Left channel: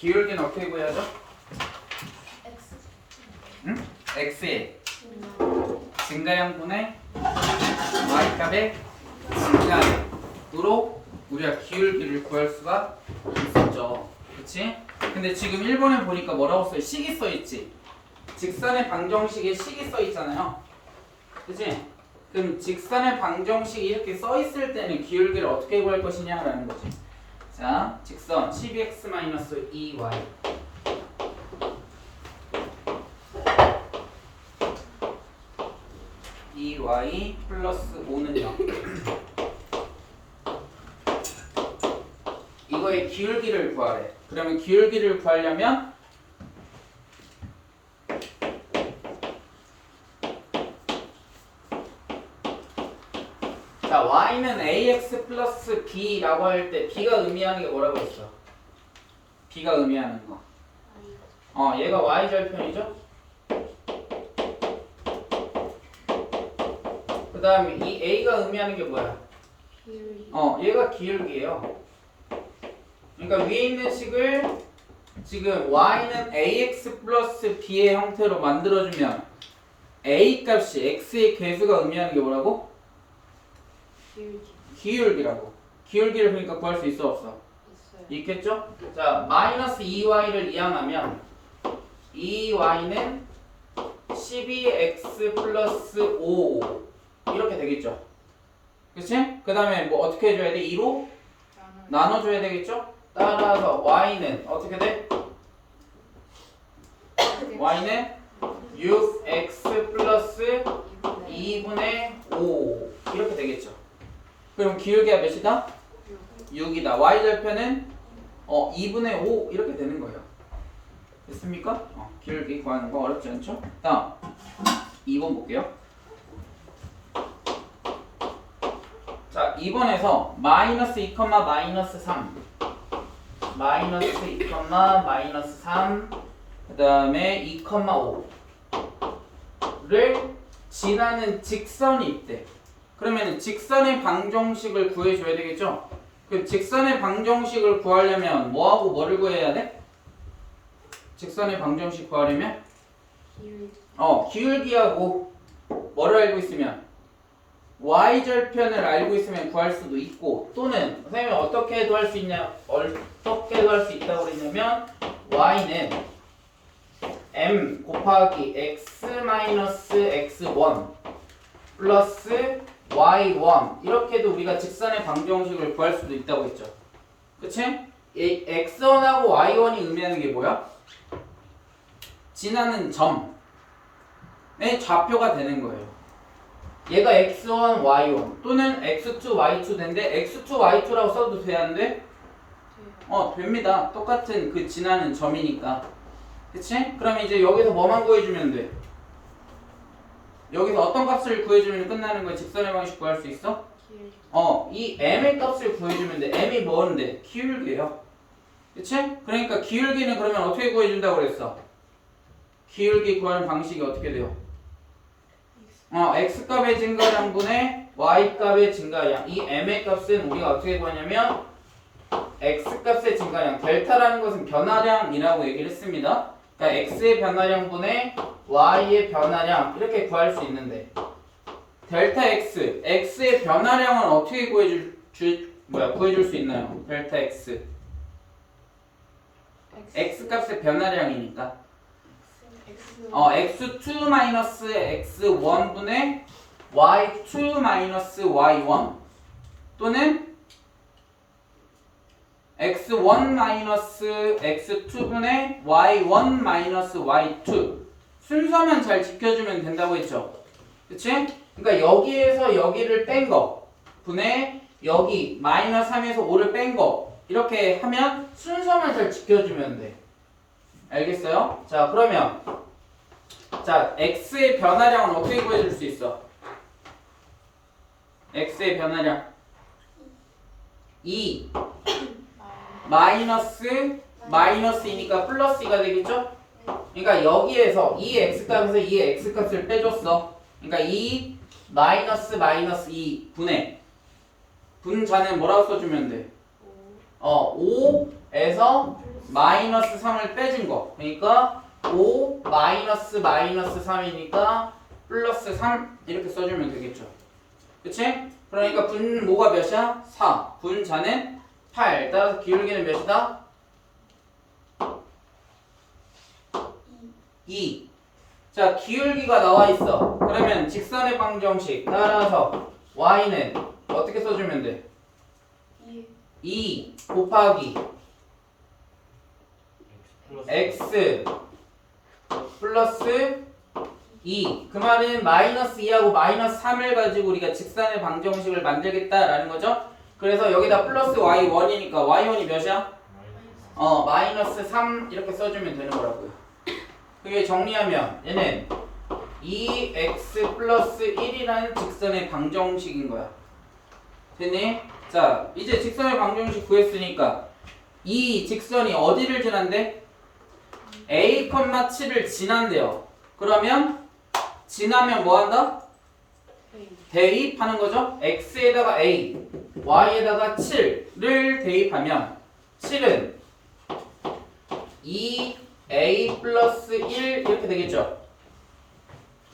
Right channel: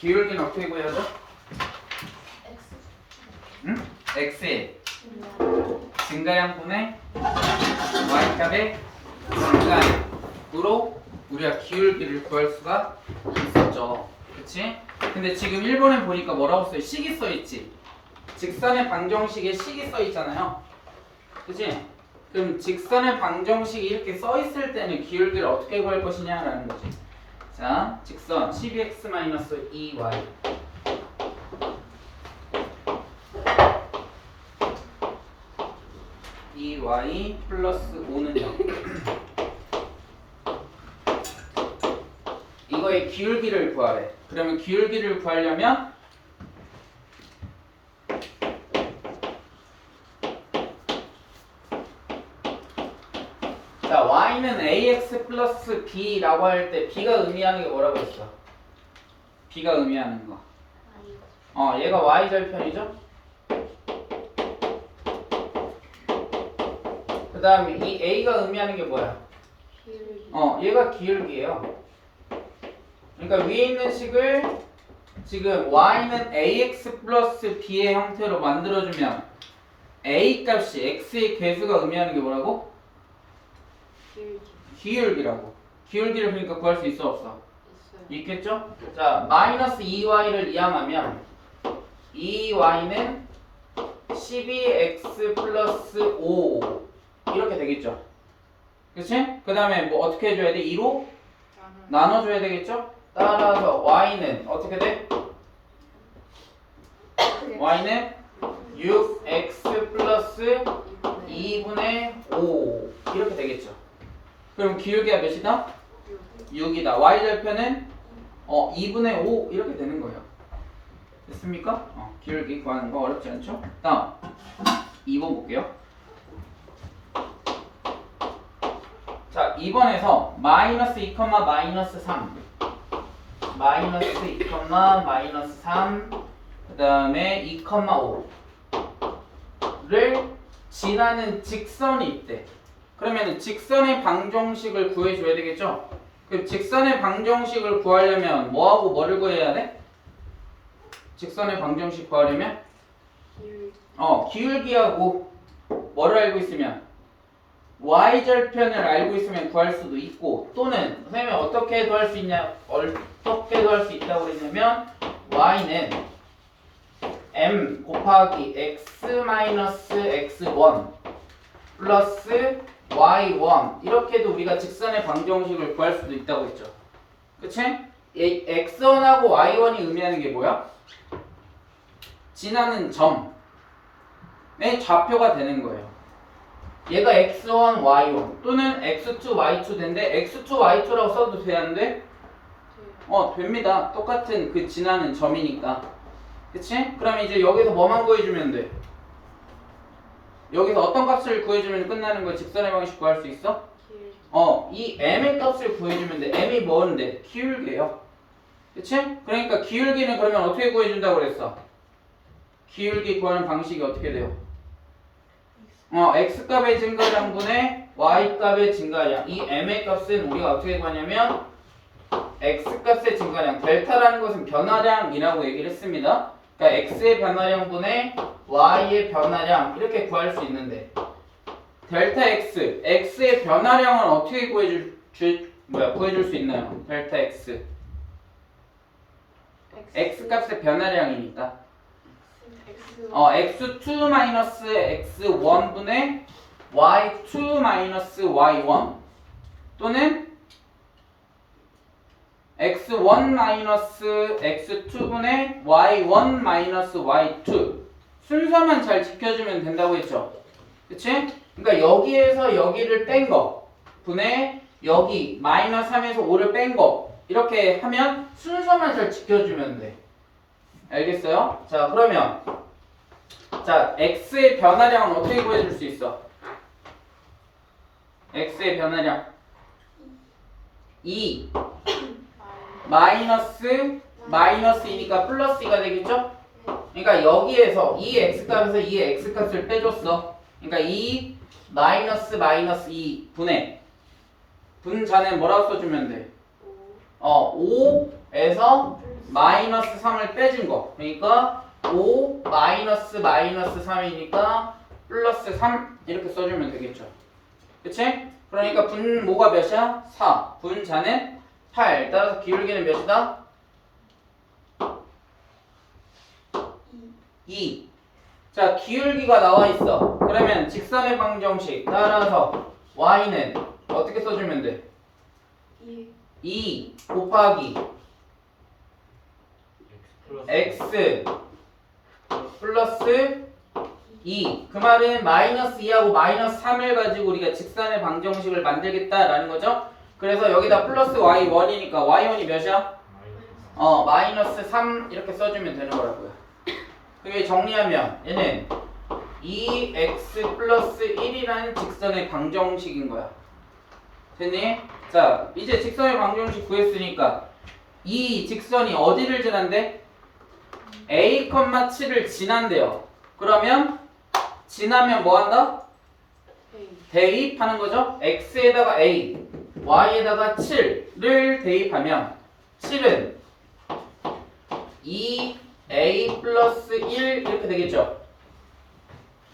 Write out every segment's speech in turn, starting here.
기울기는 어떻게 구해야죠? X. 응? x의 증가량분의 y값의 증가량으로 우리가 기울기를 구할 수가 있었죠. 그치? 근데 지금 1번에 보니까 뭐라고 써있? 식이 써있지? 직선의 방정식에 식이 써있잖아요. 그치? 그럼 직선의 방정식이 이렇게 써있을 때는 기울기를 어떻게 구할 것이냐라는 거지. 자, 직선 12x-2y 2y 플러스 5는 0 이거의 기울기를 구하래. 그러면 기울기를 구하려면 자, y는 ax 플러스 b라고 할 때 b가 의미하는 게 뭐라고 했어? b가 의미하는 거. 얘가 y절편이죠? 그 다음에 이 a가 의미하는 게 뭐야? 기울기. 얘가 기울기예요. 그러니까 위에 있는 식을 지금 y는 ax 플러스 b의 형태로 만들어주면 a 값이 x의 개수가 의미하는 게 뭐라고? 기울기. 기울기라고. 기울기를 그러니까 구할 수 있어 없어? 있어요. 있겠죠? 자, 마이너스 2y를 이항하면 2y는 12x 플러스 5 이렇게 되겠죠? 그치? 그 다음에 뭐 어떻게 해줘야 돼? 2로 나눠줘야 되겠죠? 따라서 y는 어떻게 돼? y는 6x 플러스 2분의 5 이렇게 되겠죠? 그럼 기울기가 몇이다? 6이다. y절편은 2분의 5 이렇게 되는 거예요. 됐습니까? 기울기 구하는 거 어렵지 않죠? 다음 2번 볼게요. 자, 2번에서 마이너스 2, 마이너스 3 마이너스 2, 마이너스 3 그 다음에 2, 5를 지나는 직선이 있대. 그러면 직선의 방정식을 구해줘야 되겠죠? 그 직선의 방정식을 구하려면 뭐하고 뭐를 구해야 돼? 직선의 방정식 구하려면 기울기. 기울기하고 뭐를 알고 있으면 y절편을 알고 있으면 구할 수도 있고 또는 선생님이 어떻게 해도 할 수 있냐 어떻게 해도 할 수 있다고 그랬냐면 y는 m 곱하기 x-x1 플러스 y1 이렇게도 우리가 직선의 방정식을 구할 수도 있다고 했죠. 그치? x1하고 y1이 의미하는 게 뭐야? 지나는 점의 좌표가 되는 거예요. 얘가 x1, y1 또는 x2, y2 된데 x2, y2라고 써도 돼, 안 돼? 됩니다. 똑같은 그 지나는 점이니까. 그치? 그럼 이제 여기서 뭐만 구해주면 돼? 여기서 어떤 값을 구해주면 끝나는 거야? 직선의 방식 구할 수 있어? 기울기. 이 m의 값을 구해주면 돼. m이 뭔데? 기울기예요. 그치? 그러니까 기울기는 그러면 어떻게 구해준다고 그랬어? 기울기 구하는 방식이 어떻게 돼요? x값의 증가량분의 y값의 증가량. 이 m의 값은 우리가 어떻게 구하냐면 x값의 증가량, 델타라는 것은 변화량이라고 얘기를 했습니다. 그러니까 x의 변화량분의 y의 변화량 이렇게 구할 수 있는데 델타 x, x의 변화량은 어떻게 구해줄 수 있나요? 델타 x x값의 변화량이니까 x2 마이너스 x1분의 y2 마이너스 y1 또는 x1 마이너스 x2분의 y1 마이너스 y2 순서만 잘 지켜주면 된다고 했죠. 그치? 그러니까 여기에서 여기를 뺀 거 분의 여기 마이너스 3에서 5를 뺀 거 이렇게 하면 순서만 잘 지켜주면 돼. 알겠어요? 자, 그러면 자, x의 변화량은 어떻게 구해줄 수 있어? x의 변화량 2 마이너스 2니까 플러스 2가 되겠죠? 그러니까 여기에서 이 x값에서 이 x값을 빼줬어. 그러니까 2 마이너스 2 분의 분자는 뭐라고 써주면 돼? 5에서 마이너스 3을 빼준 거. 그러니까 5 마이너스 3이니까 플러스 3 이렇게 써주면 되겠죠. 그치? 그러니까 분모가 몇이야? 4. 분자는 8. 따라서 기울기는 몇이다? 2. 자, 기울기가 나와 있어. 그러면 직선의 방정식 따라서 y는 어떻게 써주면 돼? 2 곱하기 x 플러스 2. 그 말은 마이너스 2하고 마이너스 3을 가지고 우리가 직선의 방정식을 만들겠다라는 거죠. 그래서 여기다 플러스 y1이니까 y1이 몇이야? 마이너스 3 이렇게 써주면 되는 거라고요. 그게 정리하면 얘는 2x 플러스 1이라는 직선의 방정식인 거야. 됐니? 자, 이제 직선의 방정식 구했으니까 이 직선이 어디를 지난대? a, 7을 지난대요. 그러면 지나면 뭐 한다? 대입하는 거죠. x에다가 a, y에다가 7를 대입하면 7은 2a 플러스 1 이렇게 되겠죠.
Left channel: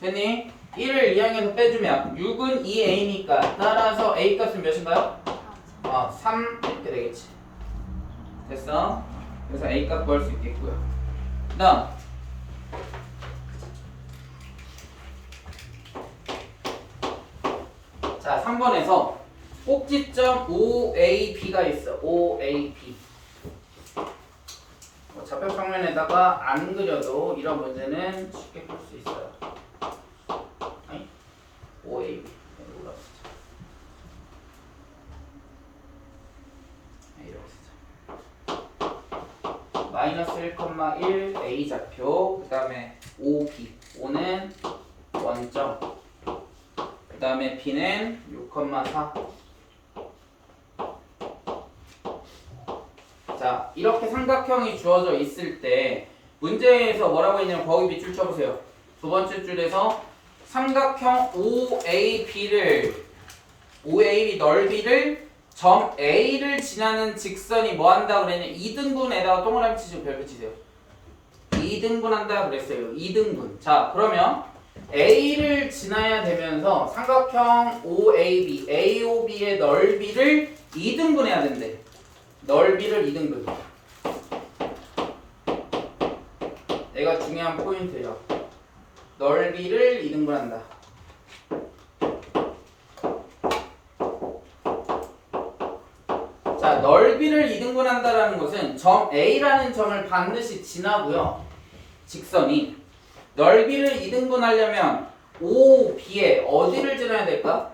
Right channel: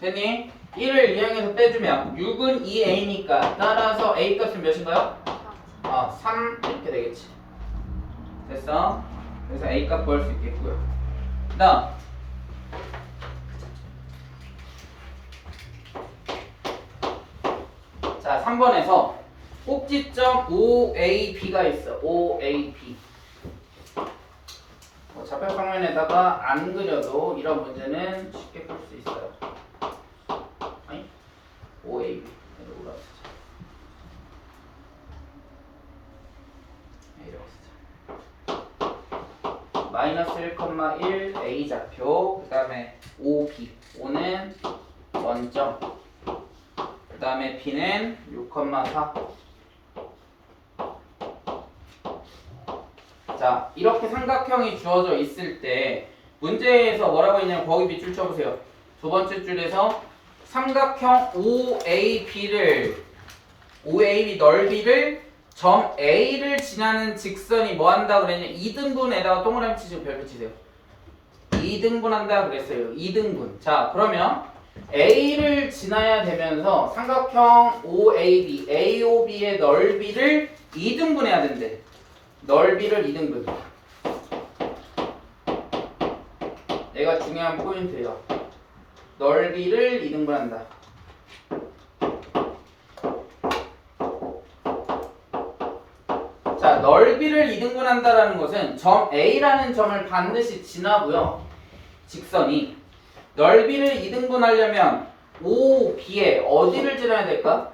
됐니? 1을 이항해서 빼주면 6은 2a니까 따라서 a 값은 몇인가요? 3 이렇게 되겠지. 됐어? 그래서 a 값 구할 수 있겠고요. 그 다음 자, 3번에서 꼭지점 OAB가 있어. OAB. 좌표 평면에다가 안 그려도 이런 문제는 쉽게 풀 수 있어요. 아니? OAB. 여기 올라왔어. 이렇게 쓰자. 마이너스 1,1 A 좌표. 그 다음에 OB. O는 원점. 그 다음에 B는 6,4. 자, 이렇게 삼각형이 주어져 있을 때 문제에서 뭐라고 했냐면 거기 밑줄 쳐보세요. 두 번째 줄에서 삼각형 OAB 넓이를 점 A를 지나는 직선이 뭐 한다 그랬냐? 2등분에다가 동그라미 치시고 별표 치세요. 2등분 한다 그랬어요. 2등분. 자, 그러면 A를 지나야 되면서 삼각형 OAB, AOB의 넓이를 2등분 해야 된대. 넓이를 2등분. 내가 중요한 포인트예요. 넓이를 2등분 한다. 자, 넓이를 2등분 한다라는 것은 점 A라는 점을 반드시 지나고요. 직선이 넓이를 2등분 하려면 OB에 어디를 지나야 될까?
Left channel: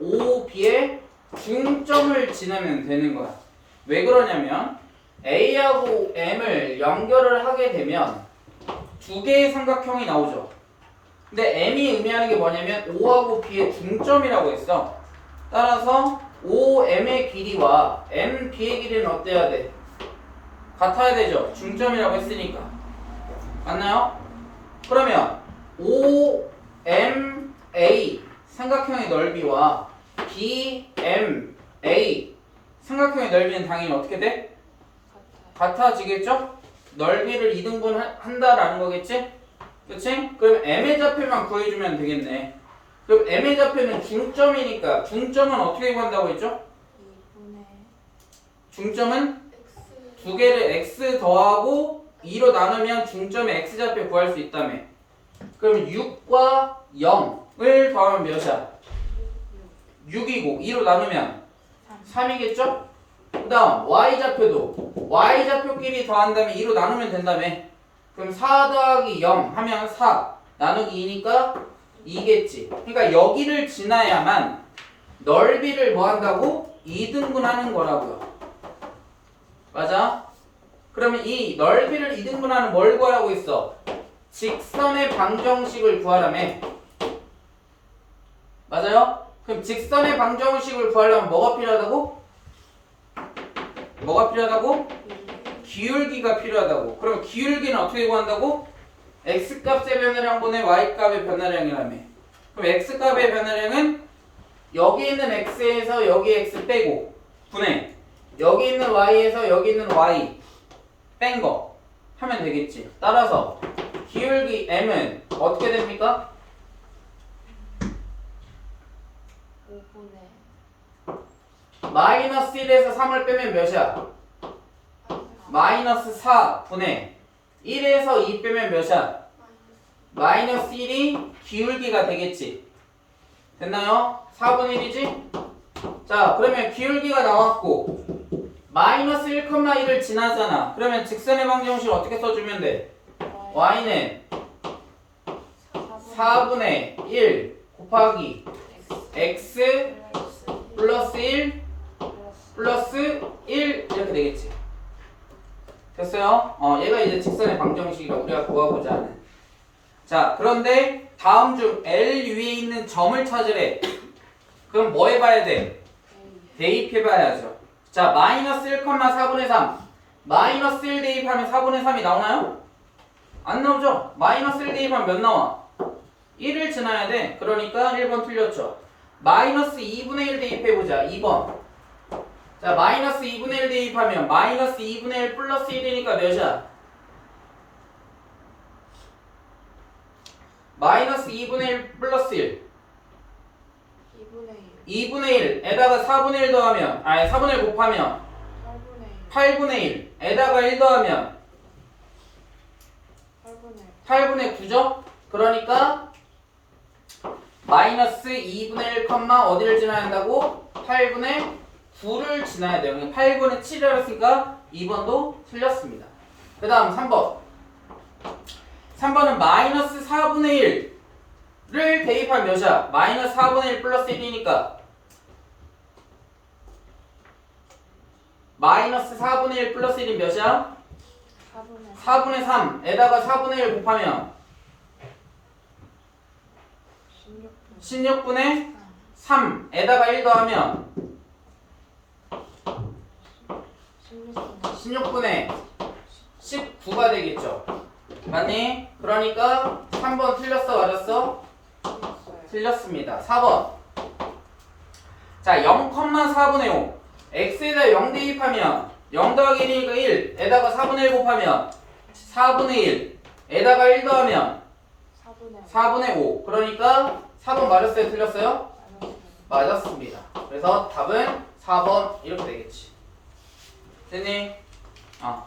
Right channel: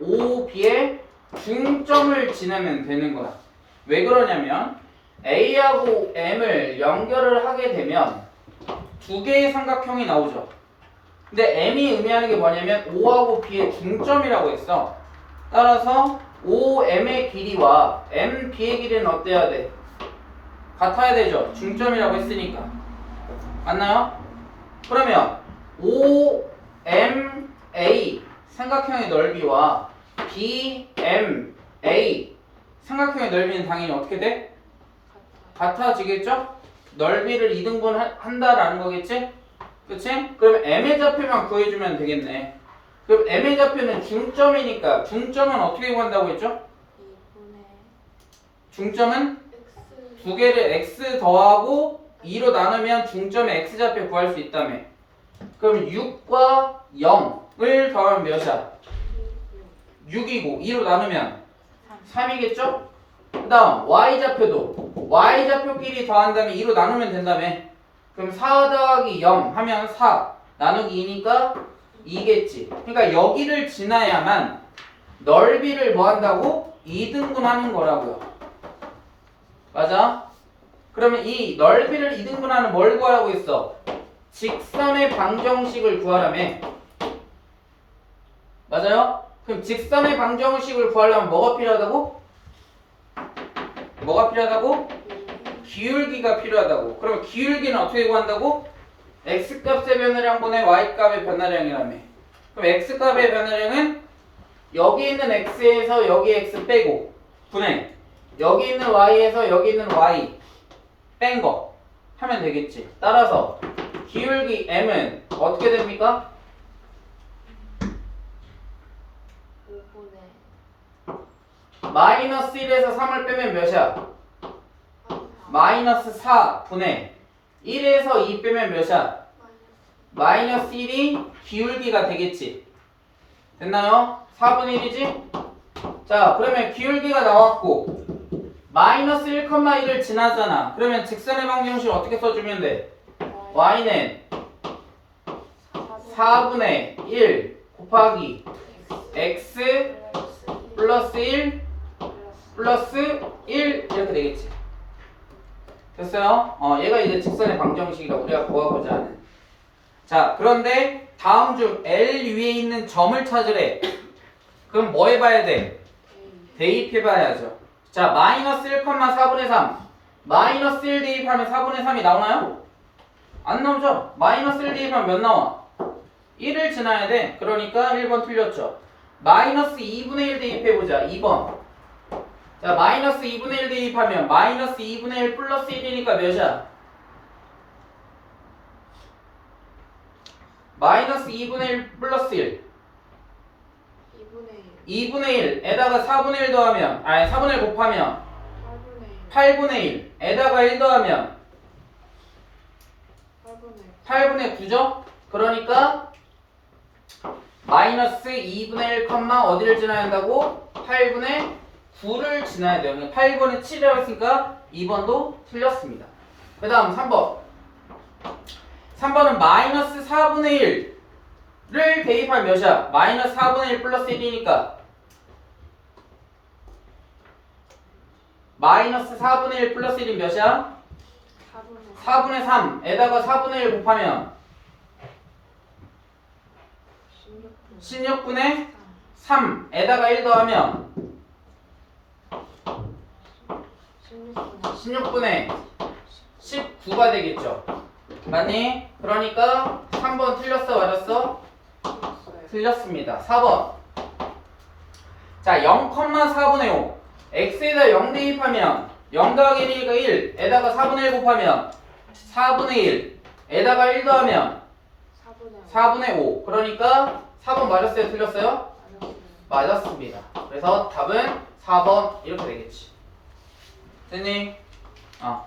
OB에 중점을 지나면 되는 거야. 왜 그러냐면 A하고 M을 연결을 하게 되면 두 개의 삼각형이 나오죠. 근데 M이 의미하는 게 뭐냐면 O하고 B의 중점이라고 했어. 따라서 OM의 길이와 MB의 길이는 어때야 돼? 같아야 되죠. 중점이라고 했으니까. 맞나요? 그러면 OMA 삼각형의 넓이와 BMA 삼각형의 넓이는 당연히 어떻게 돼? 같아지겠죠? 넓이를 2등분 한다라는 거겠지? 그치? 그럼 M의 좌표만 구해주면 되겠네. 그럼 M의 좌표는 중점이니까 중점은 어떻게 구한다고 했죠? 중점은 두 개를 x 더하고 2로 나누면 중점의 x좌표 구할 수 있다며. 그럼 6과 0을 더하면 몇이야? 6이고 2로 나누면 3이겠죠? 그 다음 y좌표도 y좌표끼리 더한다면 2로 나누면 된다며. 그럼 4 더하기 0 하면 4 나누기 2니까 2겠지. 그러니까 여기를 지나야만 넓이를 뭐 한다고? 2등분 하는 거라고요. 맞아? 그러면 이 넓이를 2등분하는 뭘 구하라고 했어? 직선의 방정식을 구하라며. 맞아요? 그럼 직선의 방정식을 구하려면 뭐가 필요하다고? 뭐가 필요하다고? 기울기가 필요하다고. 그러면 기울기는 어떻게 구한다고? x값의 변화량분의 y값의 변화량이라며. 그럼 x값의 변화량은 여기 있는 x에서 여기 x 빼고 분의 여기 있는 y에서 여기 있는 y 뺀 거 하면 되겠지. 따라서 기울기 m은 어떻게 됩니까? 5분의 마이너스 1에서 3을 빼면 몇이야? 마이너스 4분의 1에서 2 빼면 몇이야? 마이너스 1이 기울기가 되겠지. 됐나요? 4분의 1이지? 자, 그러면 기울기가 나왔고 마이너스 1,1을 지나잖아. 그러면 직선의 방정식 어떻게 써주면 돼? y는 4분의 1 곱하기 x 플러스 1 플러스 1 이렇게 되겠지. 됐어요? 얘가 이제 직선의 방정식이라고 우리가 구하고자 하는. 자, 그런데 다음 중 L 위에 있는 점을 찾으래. 그럼 뭐 해봐야 돼? 대입해봐야죠. 자, 마이너스 1,4분의 3 마이너스 1 대입하면 4분의 3이 나오나요? 안 나오죠? 마이너스 1 대입하면 몇 나와? 1을 지나야 돼. 그러니까 1번 틀렸죠. 마이너스 2분의 1 대입해보자. 2번. 자, 마이너스 2분의 1 대입하면 마이너스 2분의 1 플러스 1이니까 몇이야? 마이너스 2분의 1 플러스 1 2분의 1에다가 4분의 1 더하면 4분의 1 곱하면 8분의 1에다가 1 더하면 8분의 9죠? 그러니까 마이너스 2분의 1, 어디를 지나야 한다고? 8분의 9를 지나야 돼요. 8분의 7이라고 했으니까 2번도 틀렸습니다. 그 다음 3번. 3번은 마이너스 4분의 1를 대입할 몇이야? 마이너스 4분의 1 플러스 1이니까 마이너스 4분의 1 플러스 1이 몇이야? 4분의 3에다가 4분의 1 곱하면 16분의 3에다가 1 더하면 16분의 19가 되겠죠. 맞니? 그러니까 3번 틀렸어 맞았어? 틀렸습니다. 4번. 자, 0,4분의 5 x에다 0 대입하면 0 더하기 1이니까 1에다가 4분의 1 곱하면 4분의 1에다가 1 더하면 4분의 5 그러니까 4번 맞았어요? 틀렸어요? 맞았습니다. 그래서 답은 4번 이렇게 되겠지. 됐니? 다음.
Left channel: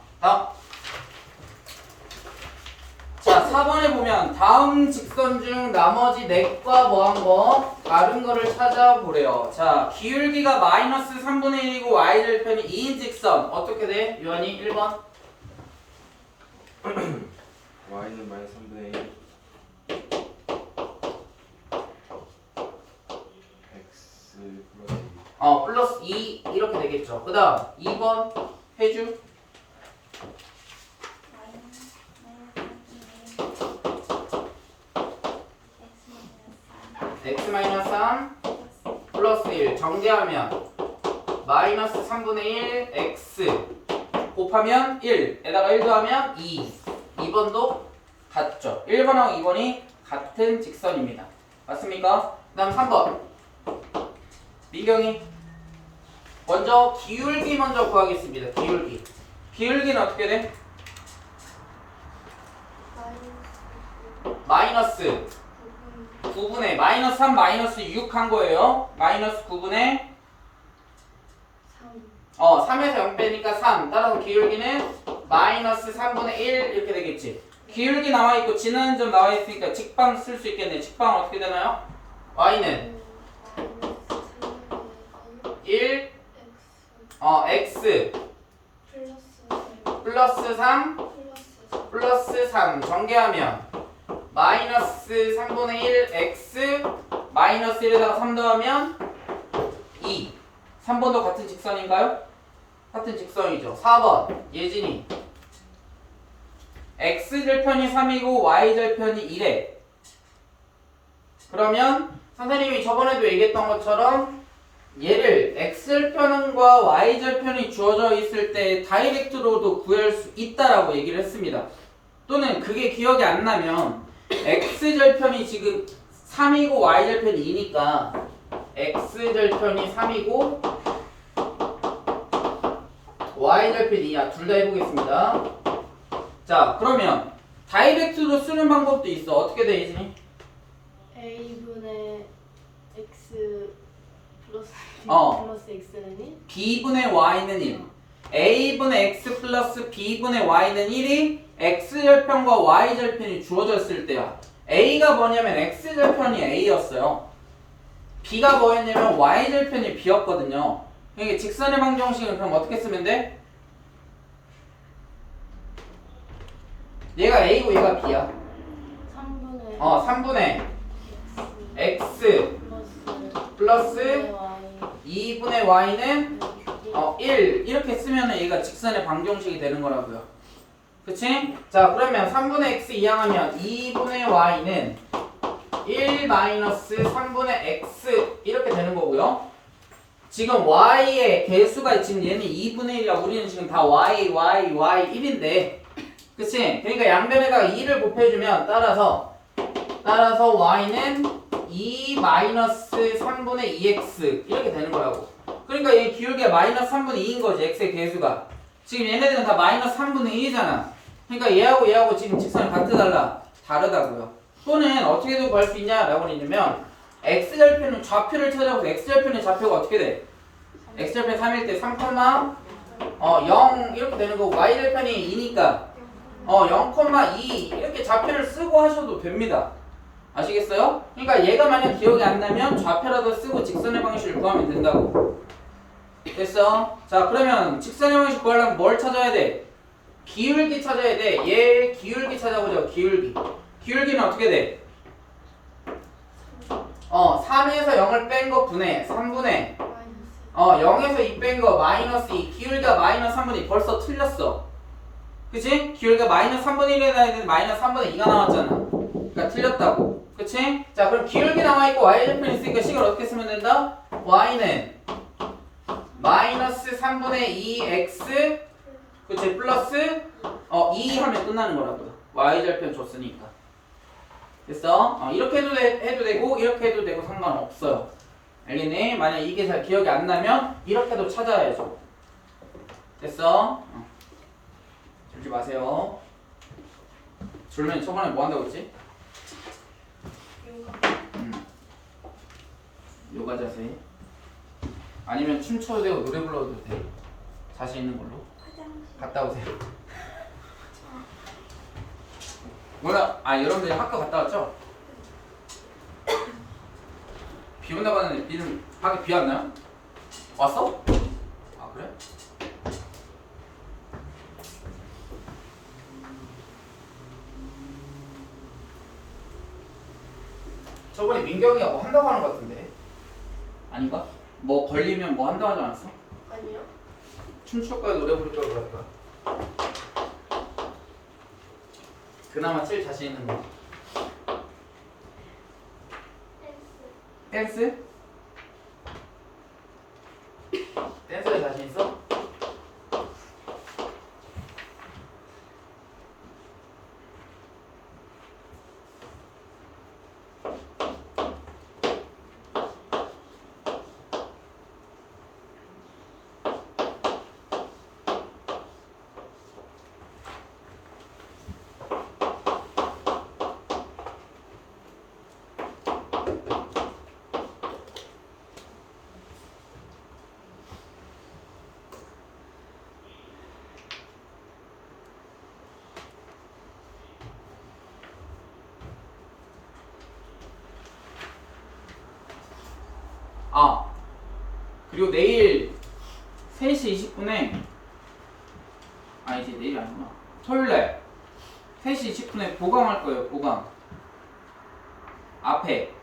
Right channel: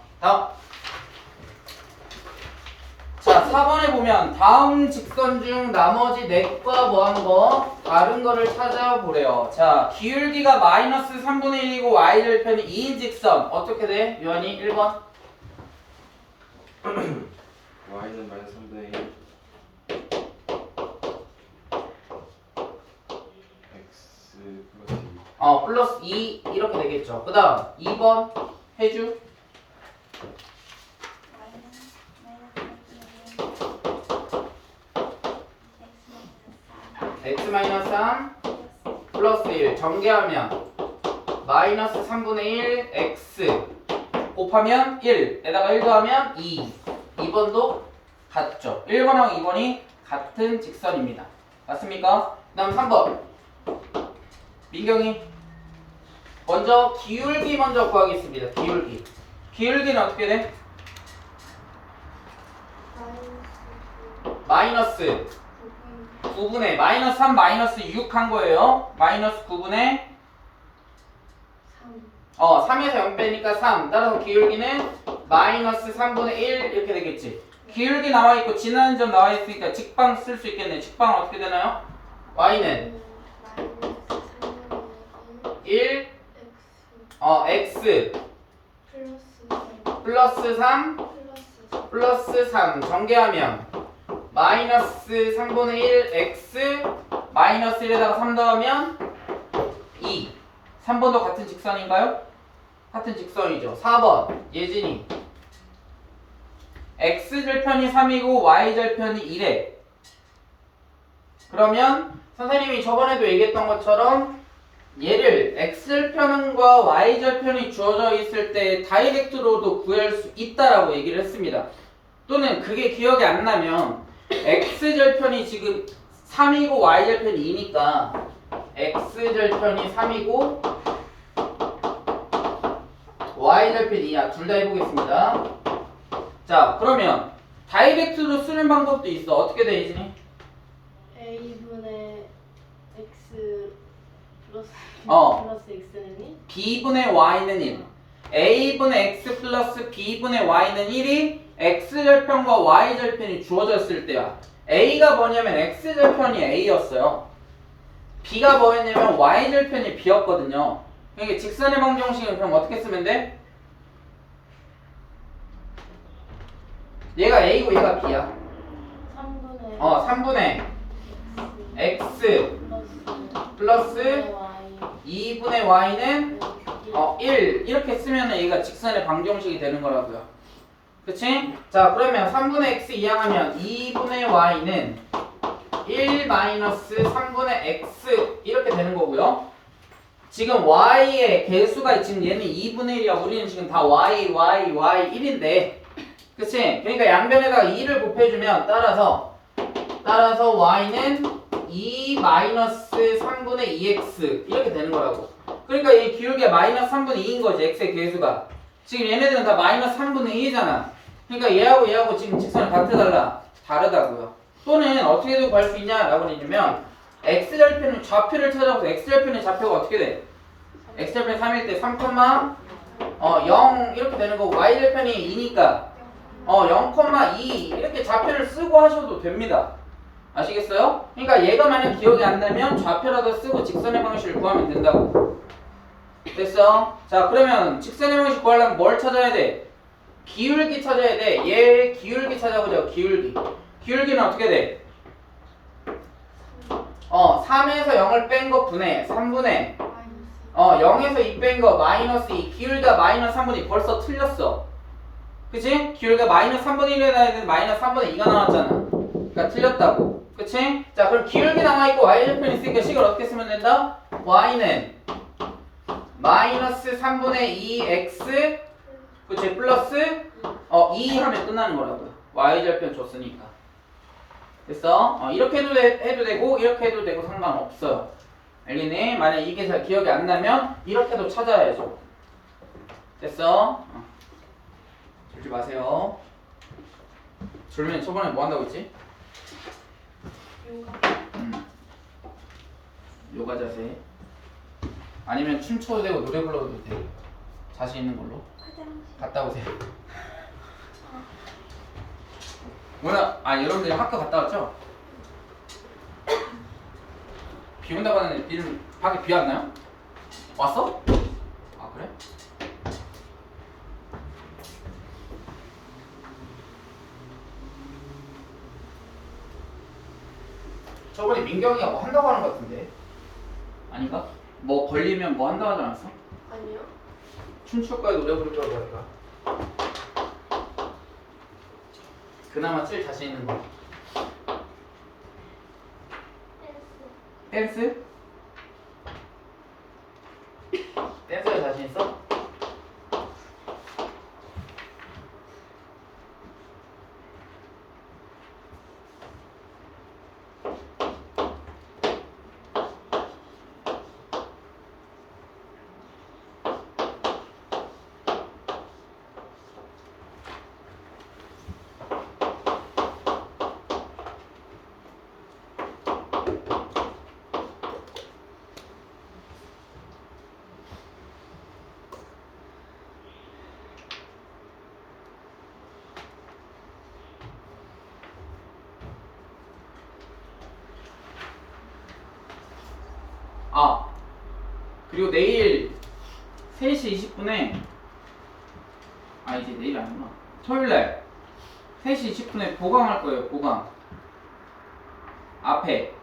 자, 4번에 보면 다음 직선 중 나머지 넷과 뭐한 거 다른 거를 찾아보래요. 자, 기울기가 마이너스 3분의 1이고 y절편이 2인 직선 어떻게 돼? 유한이 1번. y는 마이너스 3분의 1 x 플러스 2 플러스 2 이렇게 되겠죠. 그 다음 2번 해주. x-3 플러스 1 정리하면 마이너스 3분의 1 x 곱하면 1에다가 1 더하면 2 2번도 같죠. 1번하고 2번이 같은 직선입니다. 맞습니까? 그 다음 3번 민경이 먼저 기울기 먼저 구하겠습니다. 기울기는 어떻게 돼? 마이너스 9분의 마이너스 3 마이너스 6 한 거예요. 마이너스 9분의 3에서 0 빼니까 3 따라서 기울기는 마이너스 3분의 1 이렇게 되겠지. 기울기 나와있고 지나는 점 나와있으니까 직방 쓸 수 있겠네. 직방은 어떻게 되나요? y는 1 x 플러스 3 플러스 3 전개하면 마이너스 3분의 1 x 마이너스 1에다가 3 더하면 2 3번도 같은 직선인가요? 같은 직선이죠. 4번 예진이 x절편이 3이고 y절편이 1에 그러면 선생님이 저번에도 얘기했던 것처럼 얘를 x절편과 y절편이 주어져 있을 때 다이렉트로도 구할 수 있다라고 얘기를 했습니다. 또는 그게 기억이 안 나면 x절편이 지금 3이고 y절편이 2니까 x절편이 3이고 y절편 2야. 둘 다 해보겠습니다. 자, 그러면 다이렉트로 쓰는 방법도 있어. 어떻게 돼, 이진이? A분의 X 플러스 플러스 X는 b분의 y는 1. a분의 x 플러스 b분의 y는 1이 x절편과 y절편이 주어졌을 때야. a가 뭐냐면 x절편이 a였어요. b가 뭐였냐면 y절편이 b였거든요. 그러니까 직선의 방정식을 그럼 어떻게 쓰면 돼? 얘가 a고 얘가 b야. 3분의 3분의 X x 플러스 Y 2분의 y는 1 이렇게 쓰면 얘가 직선의 방정식이 되는 거라고요. 그치? 자, 그러면 3분의 x 이항하면 2분의 y는 1 마이너스 3분의 x 이렇게 되는 거고요. 지금 y의 개수가 지금 얘는 2분의 1이야. 우리는 지금 다 y 1인데, 그치? 그러니까 양변에다가 2를 곱해주면 따라서 y는 2 마이너스 3분의 2x 이렇게 되는 거라고. 그러니까 이 기울기가 마이너스 3분의 2인 거지. x의 개수가. 지금 얘네들은 다 마이너스 3분의 1이잖아. 그러니까 얘하고 지금 직선이 같아 다르다고요. 또는 어떻게 구할 수 있냐라고 하냐면 x절편은 좌표를 찾아보세요. x절편의 좌표가 어떻게 돼? x절편 3일 때 3, 0 이렇게 되는 거고 y절편이 2니까 0,2 이렇게 좌표를 쓰고 하셔도 됩니다. 아시겠어요? 그러니까 얘가 만약 기억이 안 나면 좌표라도 쓰고 직선의 방식을 구하면 된다고. 됐어? 자, 그러면 직선의 방식 구하려면 뭘 찾아야 돼? 기울기 찾아야 돼. 얘 기울기 찾아보자. 기울기는 어떻게 돼? 3에서 0을 뺀 거 분해 3분의 0에서 2 뺀 거 마이너스 2. 기울기가 마이너스 3분의 2 벌써 틀렸어. 그치? 기울기가 마이너스 3분의 1에 나야 되는데 마이너스 3분의 2가 나왔잖아. 그러니까 틀렸다고. 그치? 자, 그럼 기울기 남아있고 y절편 있으니까 식을 어떻게 쓰면 된다? y는 마이너스 3분의 2x 그치? 플러스 2 하면 끝나는 거라고요. y절편 줬으니까. 됐어? 이렇게 해도 되고 이렇게 해도 되고 상관없어요. 알겠니? 만약 이게 잘 기억이 안 나면 이렇게도 찾아야죠. 됐어? 졸지 마세요. 졸면 저번에 뭐 한다고 했지? 요가 자세. 아니면 춤춰도 되고 노래 불러도 돼. 자신 있는 걸로. 갔다 오세요. 오늘 여러분들이 학교 갔다 왔죠? 비 온다고 하는데 비는 밖에 비 왔나요? 왔어? 아, 그래? 저번에 민경이가 뭐 한다고 하는 것 같은데 아닌가? 뭐 걸리면 뭐 한다고 하지 않았어? 아니요. 춤출 거야 노래 부를 거야 그럴 거야? 그나마 제일 자신 있는 거 댄스? 댄스에 자신 있어? 그리고 내일 3시 20분에 이제 내일이 아니구나. 토요일날 3시 20분에 보강할 거예요. 보강 앞에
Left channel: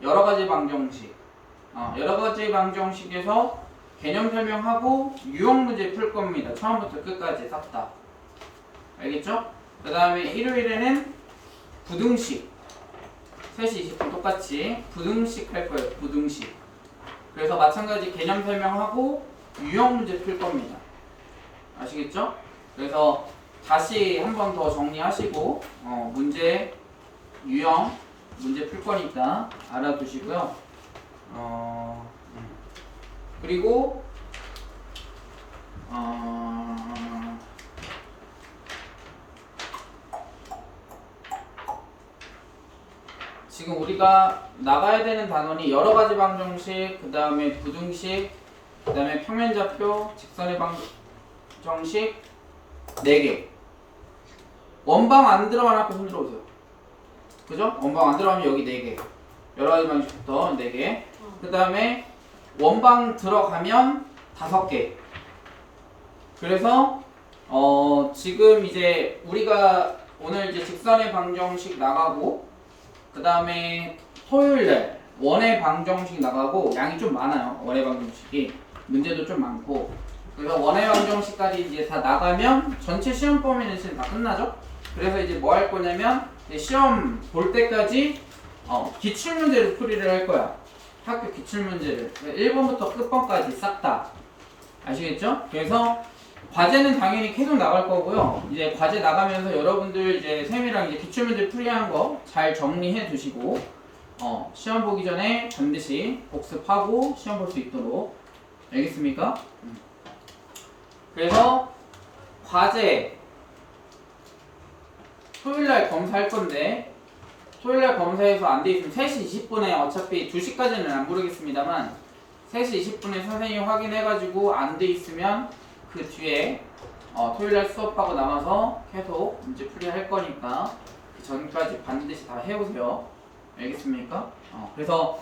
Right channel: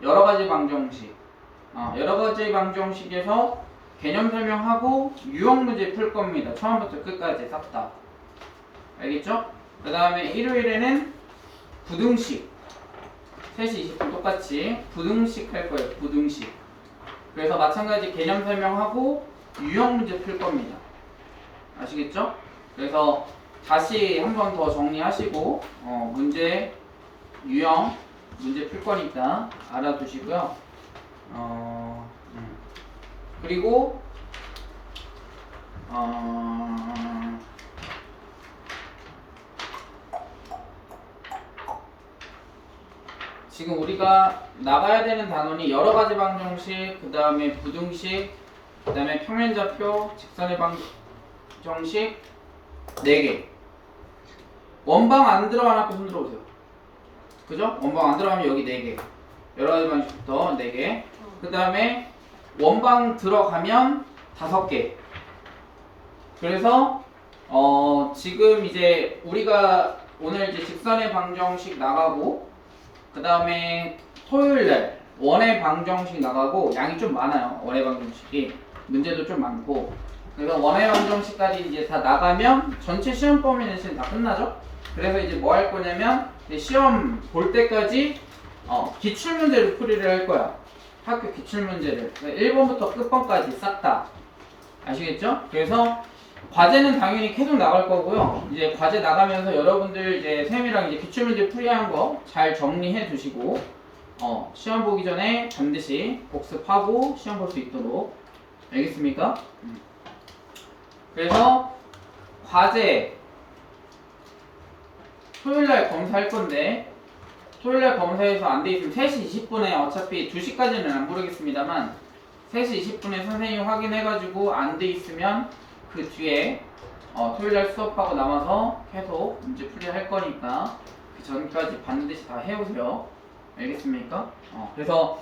여러가지 방정식 여러가지 방정식에서 개념 설명하고 유형 문제 풀 겁니다. 처음부터 끝까지 싹 다. 알겠죠? 그 다음에 일요일에는 부등식 3시 20분 똑같이 부등식 할 거예요. 부등식. 그래서 마찬가지 개념 설명하고 유형 문제 풀 겁니다. 아시겠죠? 그래서 다시 한 번 더 정리하시고 문제 유형 문제 풀 거니까 알아두시고요. 그리고 지금 우리가 나가야 되는 단원이 여러 가지 방정식, 그 다음에 부등식, 그 다음에 평면좌표, 직선의 방정식 4개. 원방 안 들어가나 손 들어오세요. 그죠? 원방 안 들어가면 여기 4개. 여러 가지 방식부터 4개. 그 다음에 원방 들어가면 5개. 그래서 지금 이제 우리가 오늘 이제 직선의 방정식 나가고, 그 다음에 토요일날 원의 방정식 나가고, 양이 좀 많아요. 원의 방정식이 문제도 좀 많고. 그래서 원의 방정식까지 이제 다 나가면 전체 시험 범위 내신 다 끝나죠. 그래서 이제 뭐 할 거냐면 이제 시험 볼 때까지 기출 문제를 풀이를 할 거야. 학교 기출 문제를 1번부터 끝번까지 싹 다. 아시겠죠? 그래서 과제는 당연히 계속 나갈 거고요. 이제 과제 나가면서 여러분들 이제 쌤이랑 이제 기출 문제 풀이한 거 잘 정리해 두시고 시험 보기 전에 반드시 복습하고 시험 볼 수 있도록. 알겠습니까? 그래서 과제 토요일날 검사할 건데, 토요일날 검사해서 안 돼 있으면 3시 20분에 어차피 2시까지는 안 부르겠습니다만 3시 20분에 선생님 확인해가지고 안 돼 있으면 그 뒤에 토요일날 수업하고 남아서 계속 문제 풀이할 거니까 그 전까지 반드시 다 해오세요. 알겠습니까? 그래서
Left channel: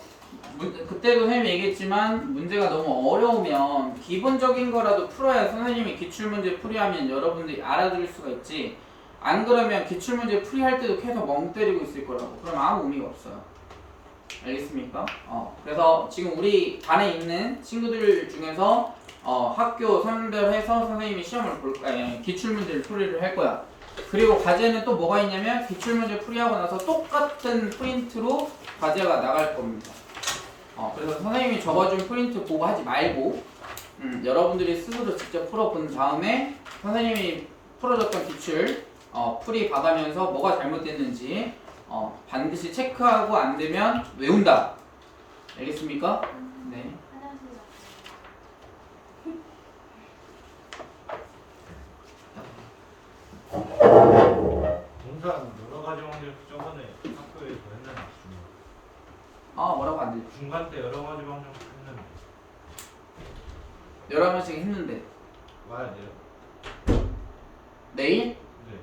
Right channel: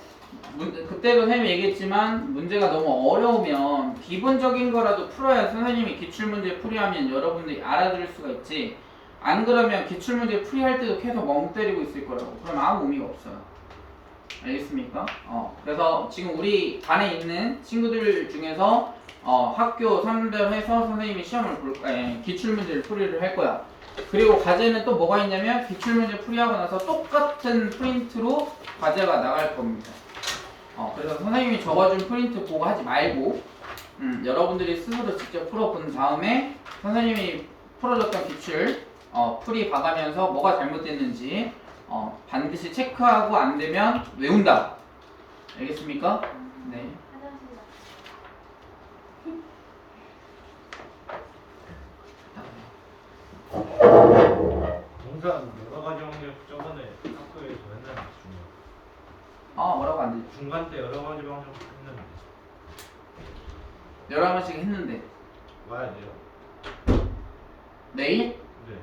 그때도 선생님이 얘기했지만 문제가 너무 어려우면 기본적인 거라도 풀어야 선생님이 기출문제 풀이하면 여러분들이 알아들을 수가 있지, 안 그러면 기출문제 풀이할 때도 계속 멍 때리고 있을 거라고. 그럼 아무 의미가 없어요. 알겠습니까? 그래서 지금 우리 반에 있는 친구들 중에서 학교 선별해서 선생님이 시험을 기출문제를 풀이를 할 거야. 그리고 과제는 또 뭐가 있냐면 기출문제 풀이하고 나서 똑같은 프린트로 과제가 나갈 겁니다. 그래서 선생님이 적어준 프린트 보고 하지 말고 여러분들이 스스로 직접 풀어본 다음에 선생님이 풀어줬던 기출 풀이 봐가면서 뭐가 잘못됐는지 반드시 체크하고 안 되면 외운다. 알겠습니까? 네. 동산 여러 가지 방정식 저번에 학교에서 했는데 뭐라고 안 돼? 중간 때 여러 가지 방정식 했는데 여러 번씩 했는데 와야 돼요. 내일? 네.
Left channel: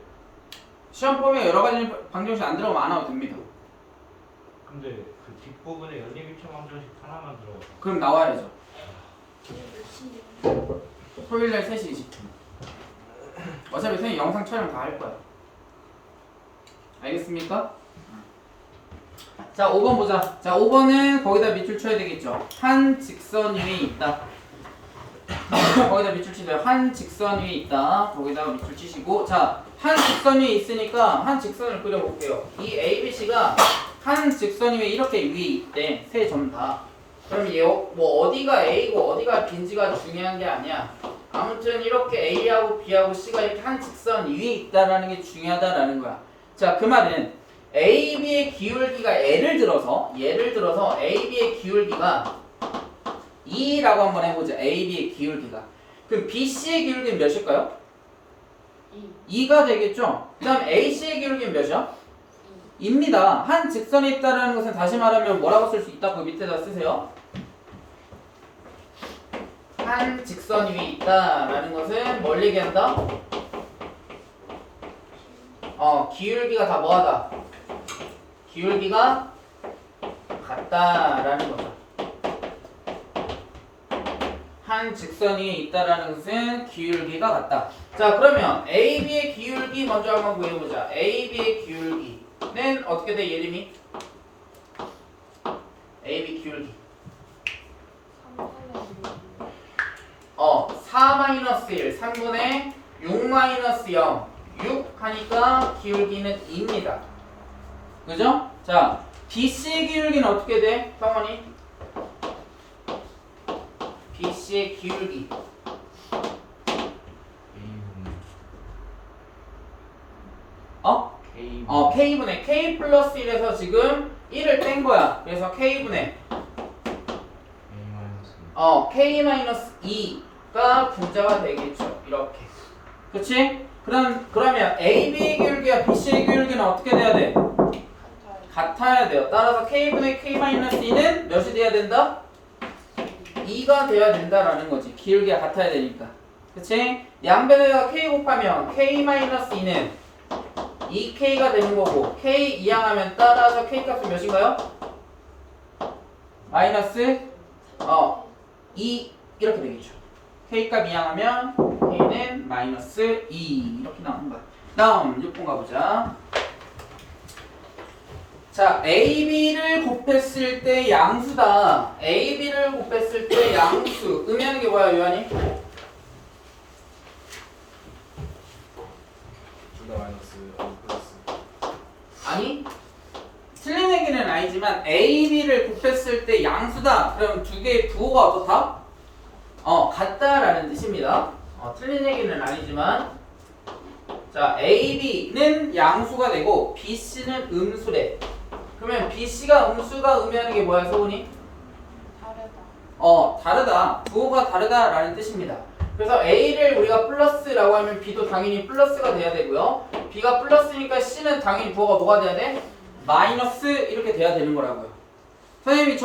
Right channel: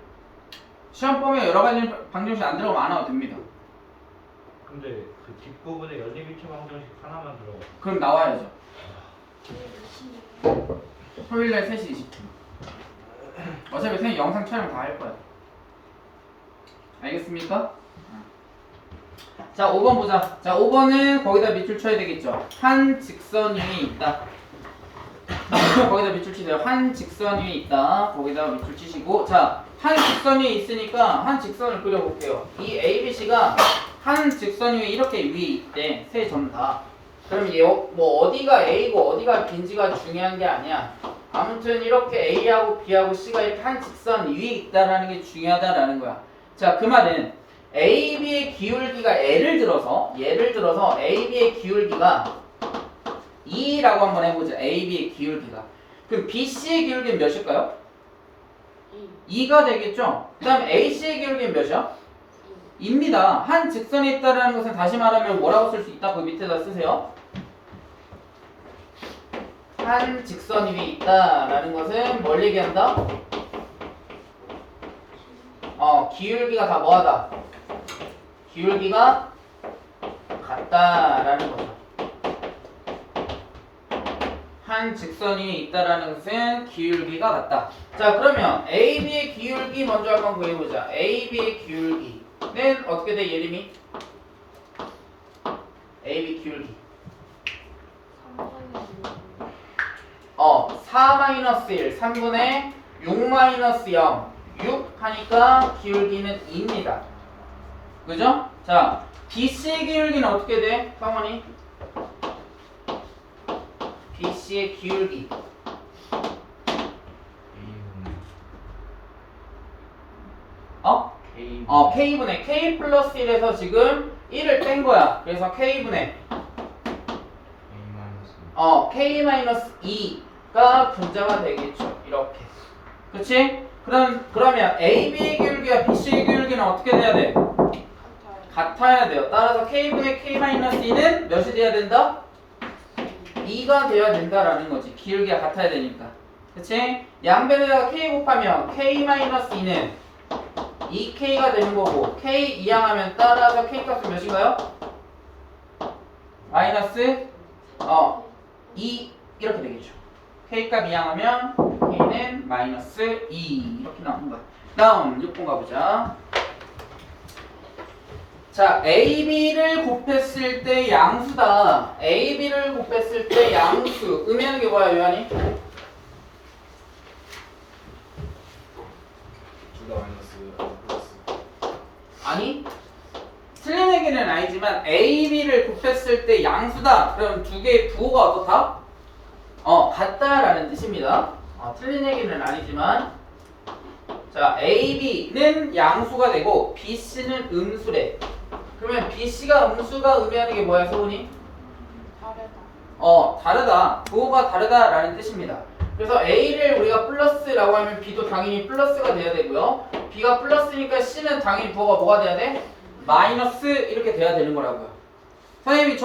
시험 범위에 여러 가지 방정식 안 들어가면 안 와도 됩니다. 근데 그 뒷부분에 연립일체 방정식 하나만 들어가. 그럼 나와야죠. 네, 열심히. 토요일날 3시 20분. 어차피 선생님 영상 촬영 다 할 거야. 알겠습니까? 자, 5번 보자. 자, 5번은 거기다 밑줄 쳐야 되겠죠. 한 직선 위에 있다. 거기다 밑줄 치세요. 한 직선 위에 있다. 거기다 밑줄 치시고, 자, 한 직선 위에 있으니까 한 직선을 그려볼게요. 이 ABC가 한 직선 위에 이렇게 위에 있대. 세 점 다. 그럼 뭐 어디가 A고 어디가 B인지가 중요한 게 아니야. 아무튼 이렇게 A하고 B하고 C가 이렇게 한 직선 위에 있다라는 게 중요하다라는 거야. 자, 그 말은 AB의 기울기가 예를 들어서 AB의 기울기가 2라고 한번 해보자. AB의 기울기가. 그럼 BC의 기울기는 몇일까요? 2가 되겠죠? 그 다음 AC의 기울기는 몇이야? 2입니다. 한 직선에 있다는 것은 다시 말하면 뭐라고 쓸 수 있다? 그 밑에다 쓰세요. 한 직선 위에 있다라는 것은 뭘 얘기한다? 기울기가 다 뭐하다? 기울기가 같다라는 거죠. 한 직선 위에 있다라는 것은 기울기가 같다. 자, 그러면 AB의 기울기 먼저 한번 구해보자. AB의 기울기는 어떻게 돼? 예림이? AB 기울기 4-1 3분의 6-0 6 하니까 기울기는 2입니다. 그죠? 자, BC의 기울기는 어떻게 돼? 성원이? BC의 기울기 K분의 K 플러스 1에서 지금 1을 뺀 거야. 그래서 K분의 K 마이너스 2 분자가 되겠죠. 이렇게. 그치? 그러면 AB의 기울기와 BC의 기울기는 어떻게 돼야 돼? 같아야 돼요. 따라서 K분의 K-2는 몇이 돼야 된다? 2가 돼야 된다라는 거지. 기울기가 같아야 되니까. 그치? 양변에다가 K 곱하면 K-2는 2K가 되는 거고 K 이항하면 따라서 K 값은 몇인가요? 마이너스 2 이렇게 되겠죠. K 값 이항하면 K는 마이너스 2 이렇게 나오는 거야. 다음 6번 가보자. 자, AB를 곱했을 때 양수다. AB를 곱했을 때 양수. 의미하는 게 뭐야, 요한이? 둘 다 마이너스 아니 플러스. 아니? 틀린 얘기는 아니지만 AB를 곱했을 때 양수다. 그럼 두 개의 부호가 어떻다? 같다라는 뜻입니다. 틀린 얘기는 아니지만 자, AB는 양수가 되고 BC는 음수래. 그러면 BC가 음수가 의미하는 게 뭐야, 소은이? 다르다. 다르다. 부호가 다르다라는 뜻입니다. 그래서 A를 우리가 플러스라고 하면 B도 당연히 플러스가 돼야 되고요. B가 플러스니까 C는 당연히 부호가 뭐가 돼야 돼? 마이너스 이렇게 돼야 되는 거라고요. 선생님이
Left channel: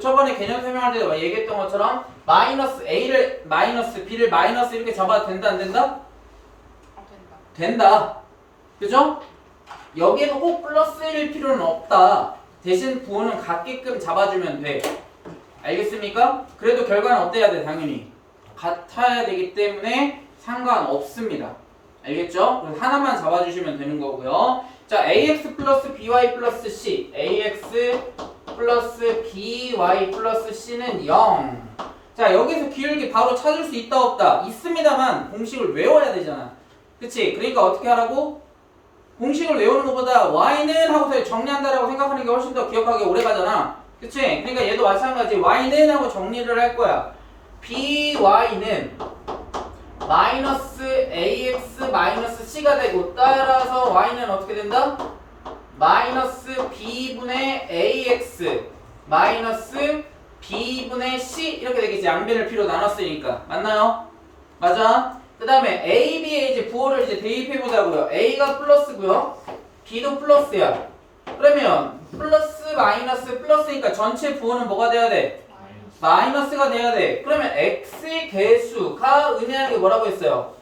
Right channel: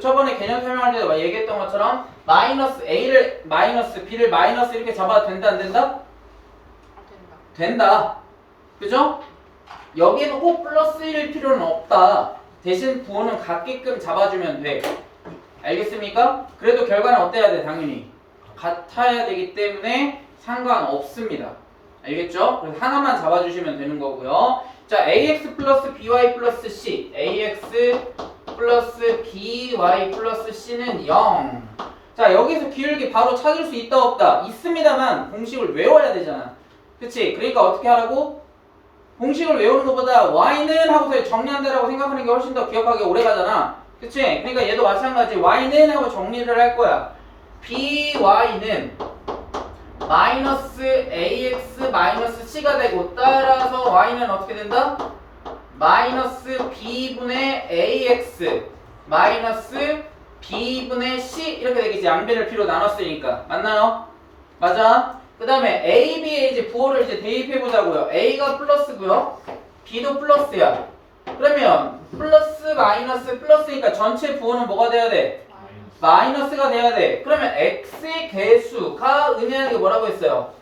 저번에 개념 설명할 때 얘기했던 것처럼 마이너스 A를 마이너스 B를 마이너스 이렇게 잡아도 된다 안 된다? 된다. 된다. 그죠? 여기에도 꼭 플러스일 필요는 없다. 대신 부호는 같게끔 잡아주면 돼. 알겠습니까? 그래도 결과는 어때야 돼? 당연히 같아야 되기 때문에 상관없습니다. 알겠죠? 그래서 하나만 잡아주시면 되는 거고요. 자, AX 플러스 BY 플러스 C AX 플러스 BY 플러스 C는 0. 자, 여기서 기울기 바로 찾을 수 있다 없다? 있습니다만 공식을 외워야 되잖아. 그치? 그러니까 어떻게 하라고? 공식을 외우는 것보다 y는 하고서 정리한다라고 생각하는 게 훨씬 더 기억하기 오래 가잖아. 그치? 그러니까 얘도 마찬가지 y는 하고 정리를 할 거야. by는 마이너스 ax 마이너스 c가 되고 따라서 y는 어떻게 된다? 마이너스 b분의 ax 마이너스 b분의 c 이렇게 되겠지. 양변을 b로 나눴으니까. 맞나요? 맞아? 그 다음에 A, B에 이제 부호를 이제 대입해 보자고요. A가 플러스고요. B도 플러스야. 그러면 플러스 마이너스 플러스니까 전체 부호는 뭐가 돼야 돼? 마이너스가 돼야 돼. 그러면 X의 개수가 의미하는 게 뭐라고 했어요?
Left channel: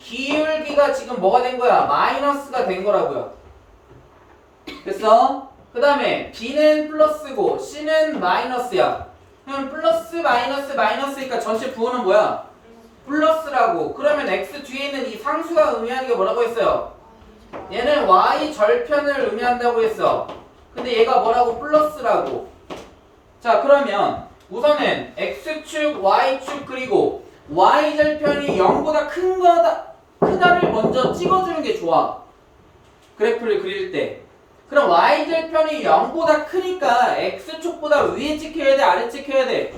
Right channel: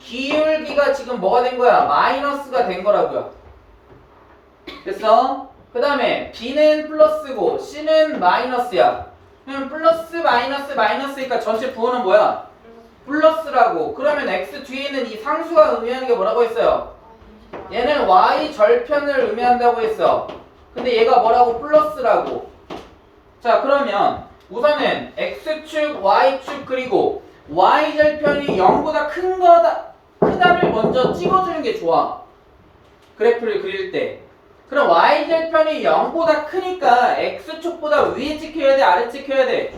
기울기가 지금 뭐가 된 거야? 마이너스가 된 거라고요. 됐어? 그 다음에 B는 플러스고 C는 마이너스야. 그럼 플러스 마이너스 마이너스니까 전체 부호는 뭐야? 플러스라고. 그러면 x 뒤에 있는 이 상수가 의미하는 게 뭐라고 했어요? 얘는 y 절편을 의미한다고 했어. 근데 얘가 뭐라고? 플러스라고. 자, 그러면 우선은 x축, y축 그리고 y 절편이 0보다 크다를 먼저 찍어주는 게 좋아. 그래프를 그릴 때. 그럼 y 절편이 0보다 크니까 x축보다 위에 찍혀야 돼? 아래 찍혀야 돼?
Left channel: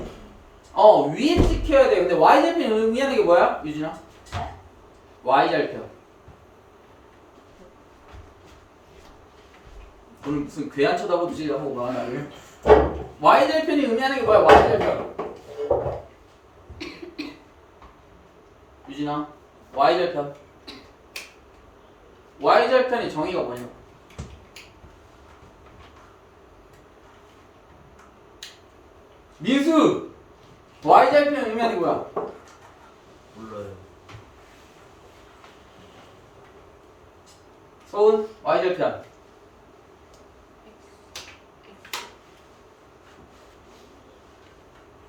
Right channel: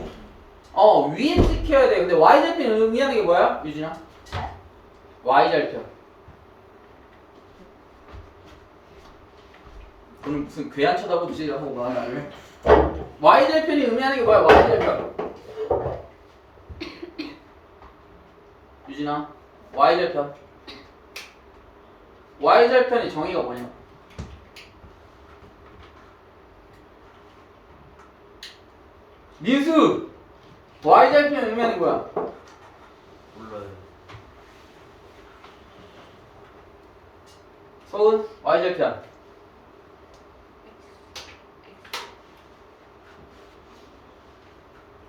위에 찍혀야 돼. 근데 y절편이 의미하는 게 뭐야? 유진아? y절편. 오늘 무슨 괴한 쳐다보시려고 막 나를. y절편이 의미하는 게 뭐야? y절편. 유진아, y절편. y절편의 정의가 뭐냐? 민수! y절편 의미하는 게 뭐야? 몰라요. 소은, y절편.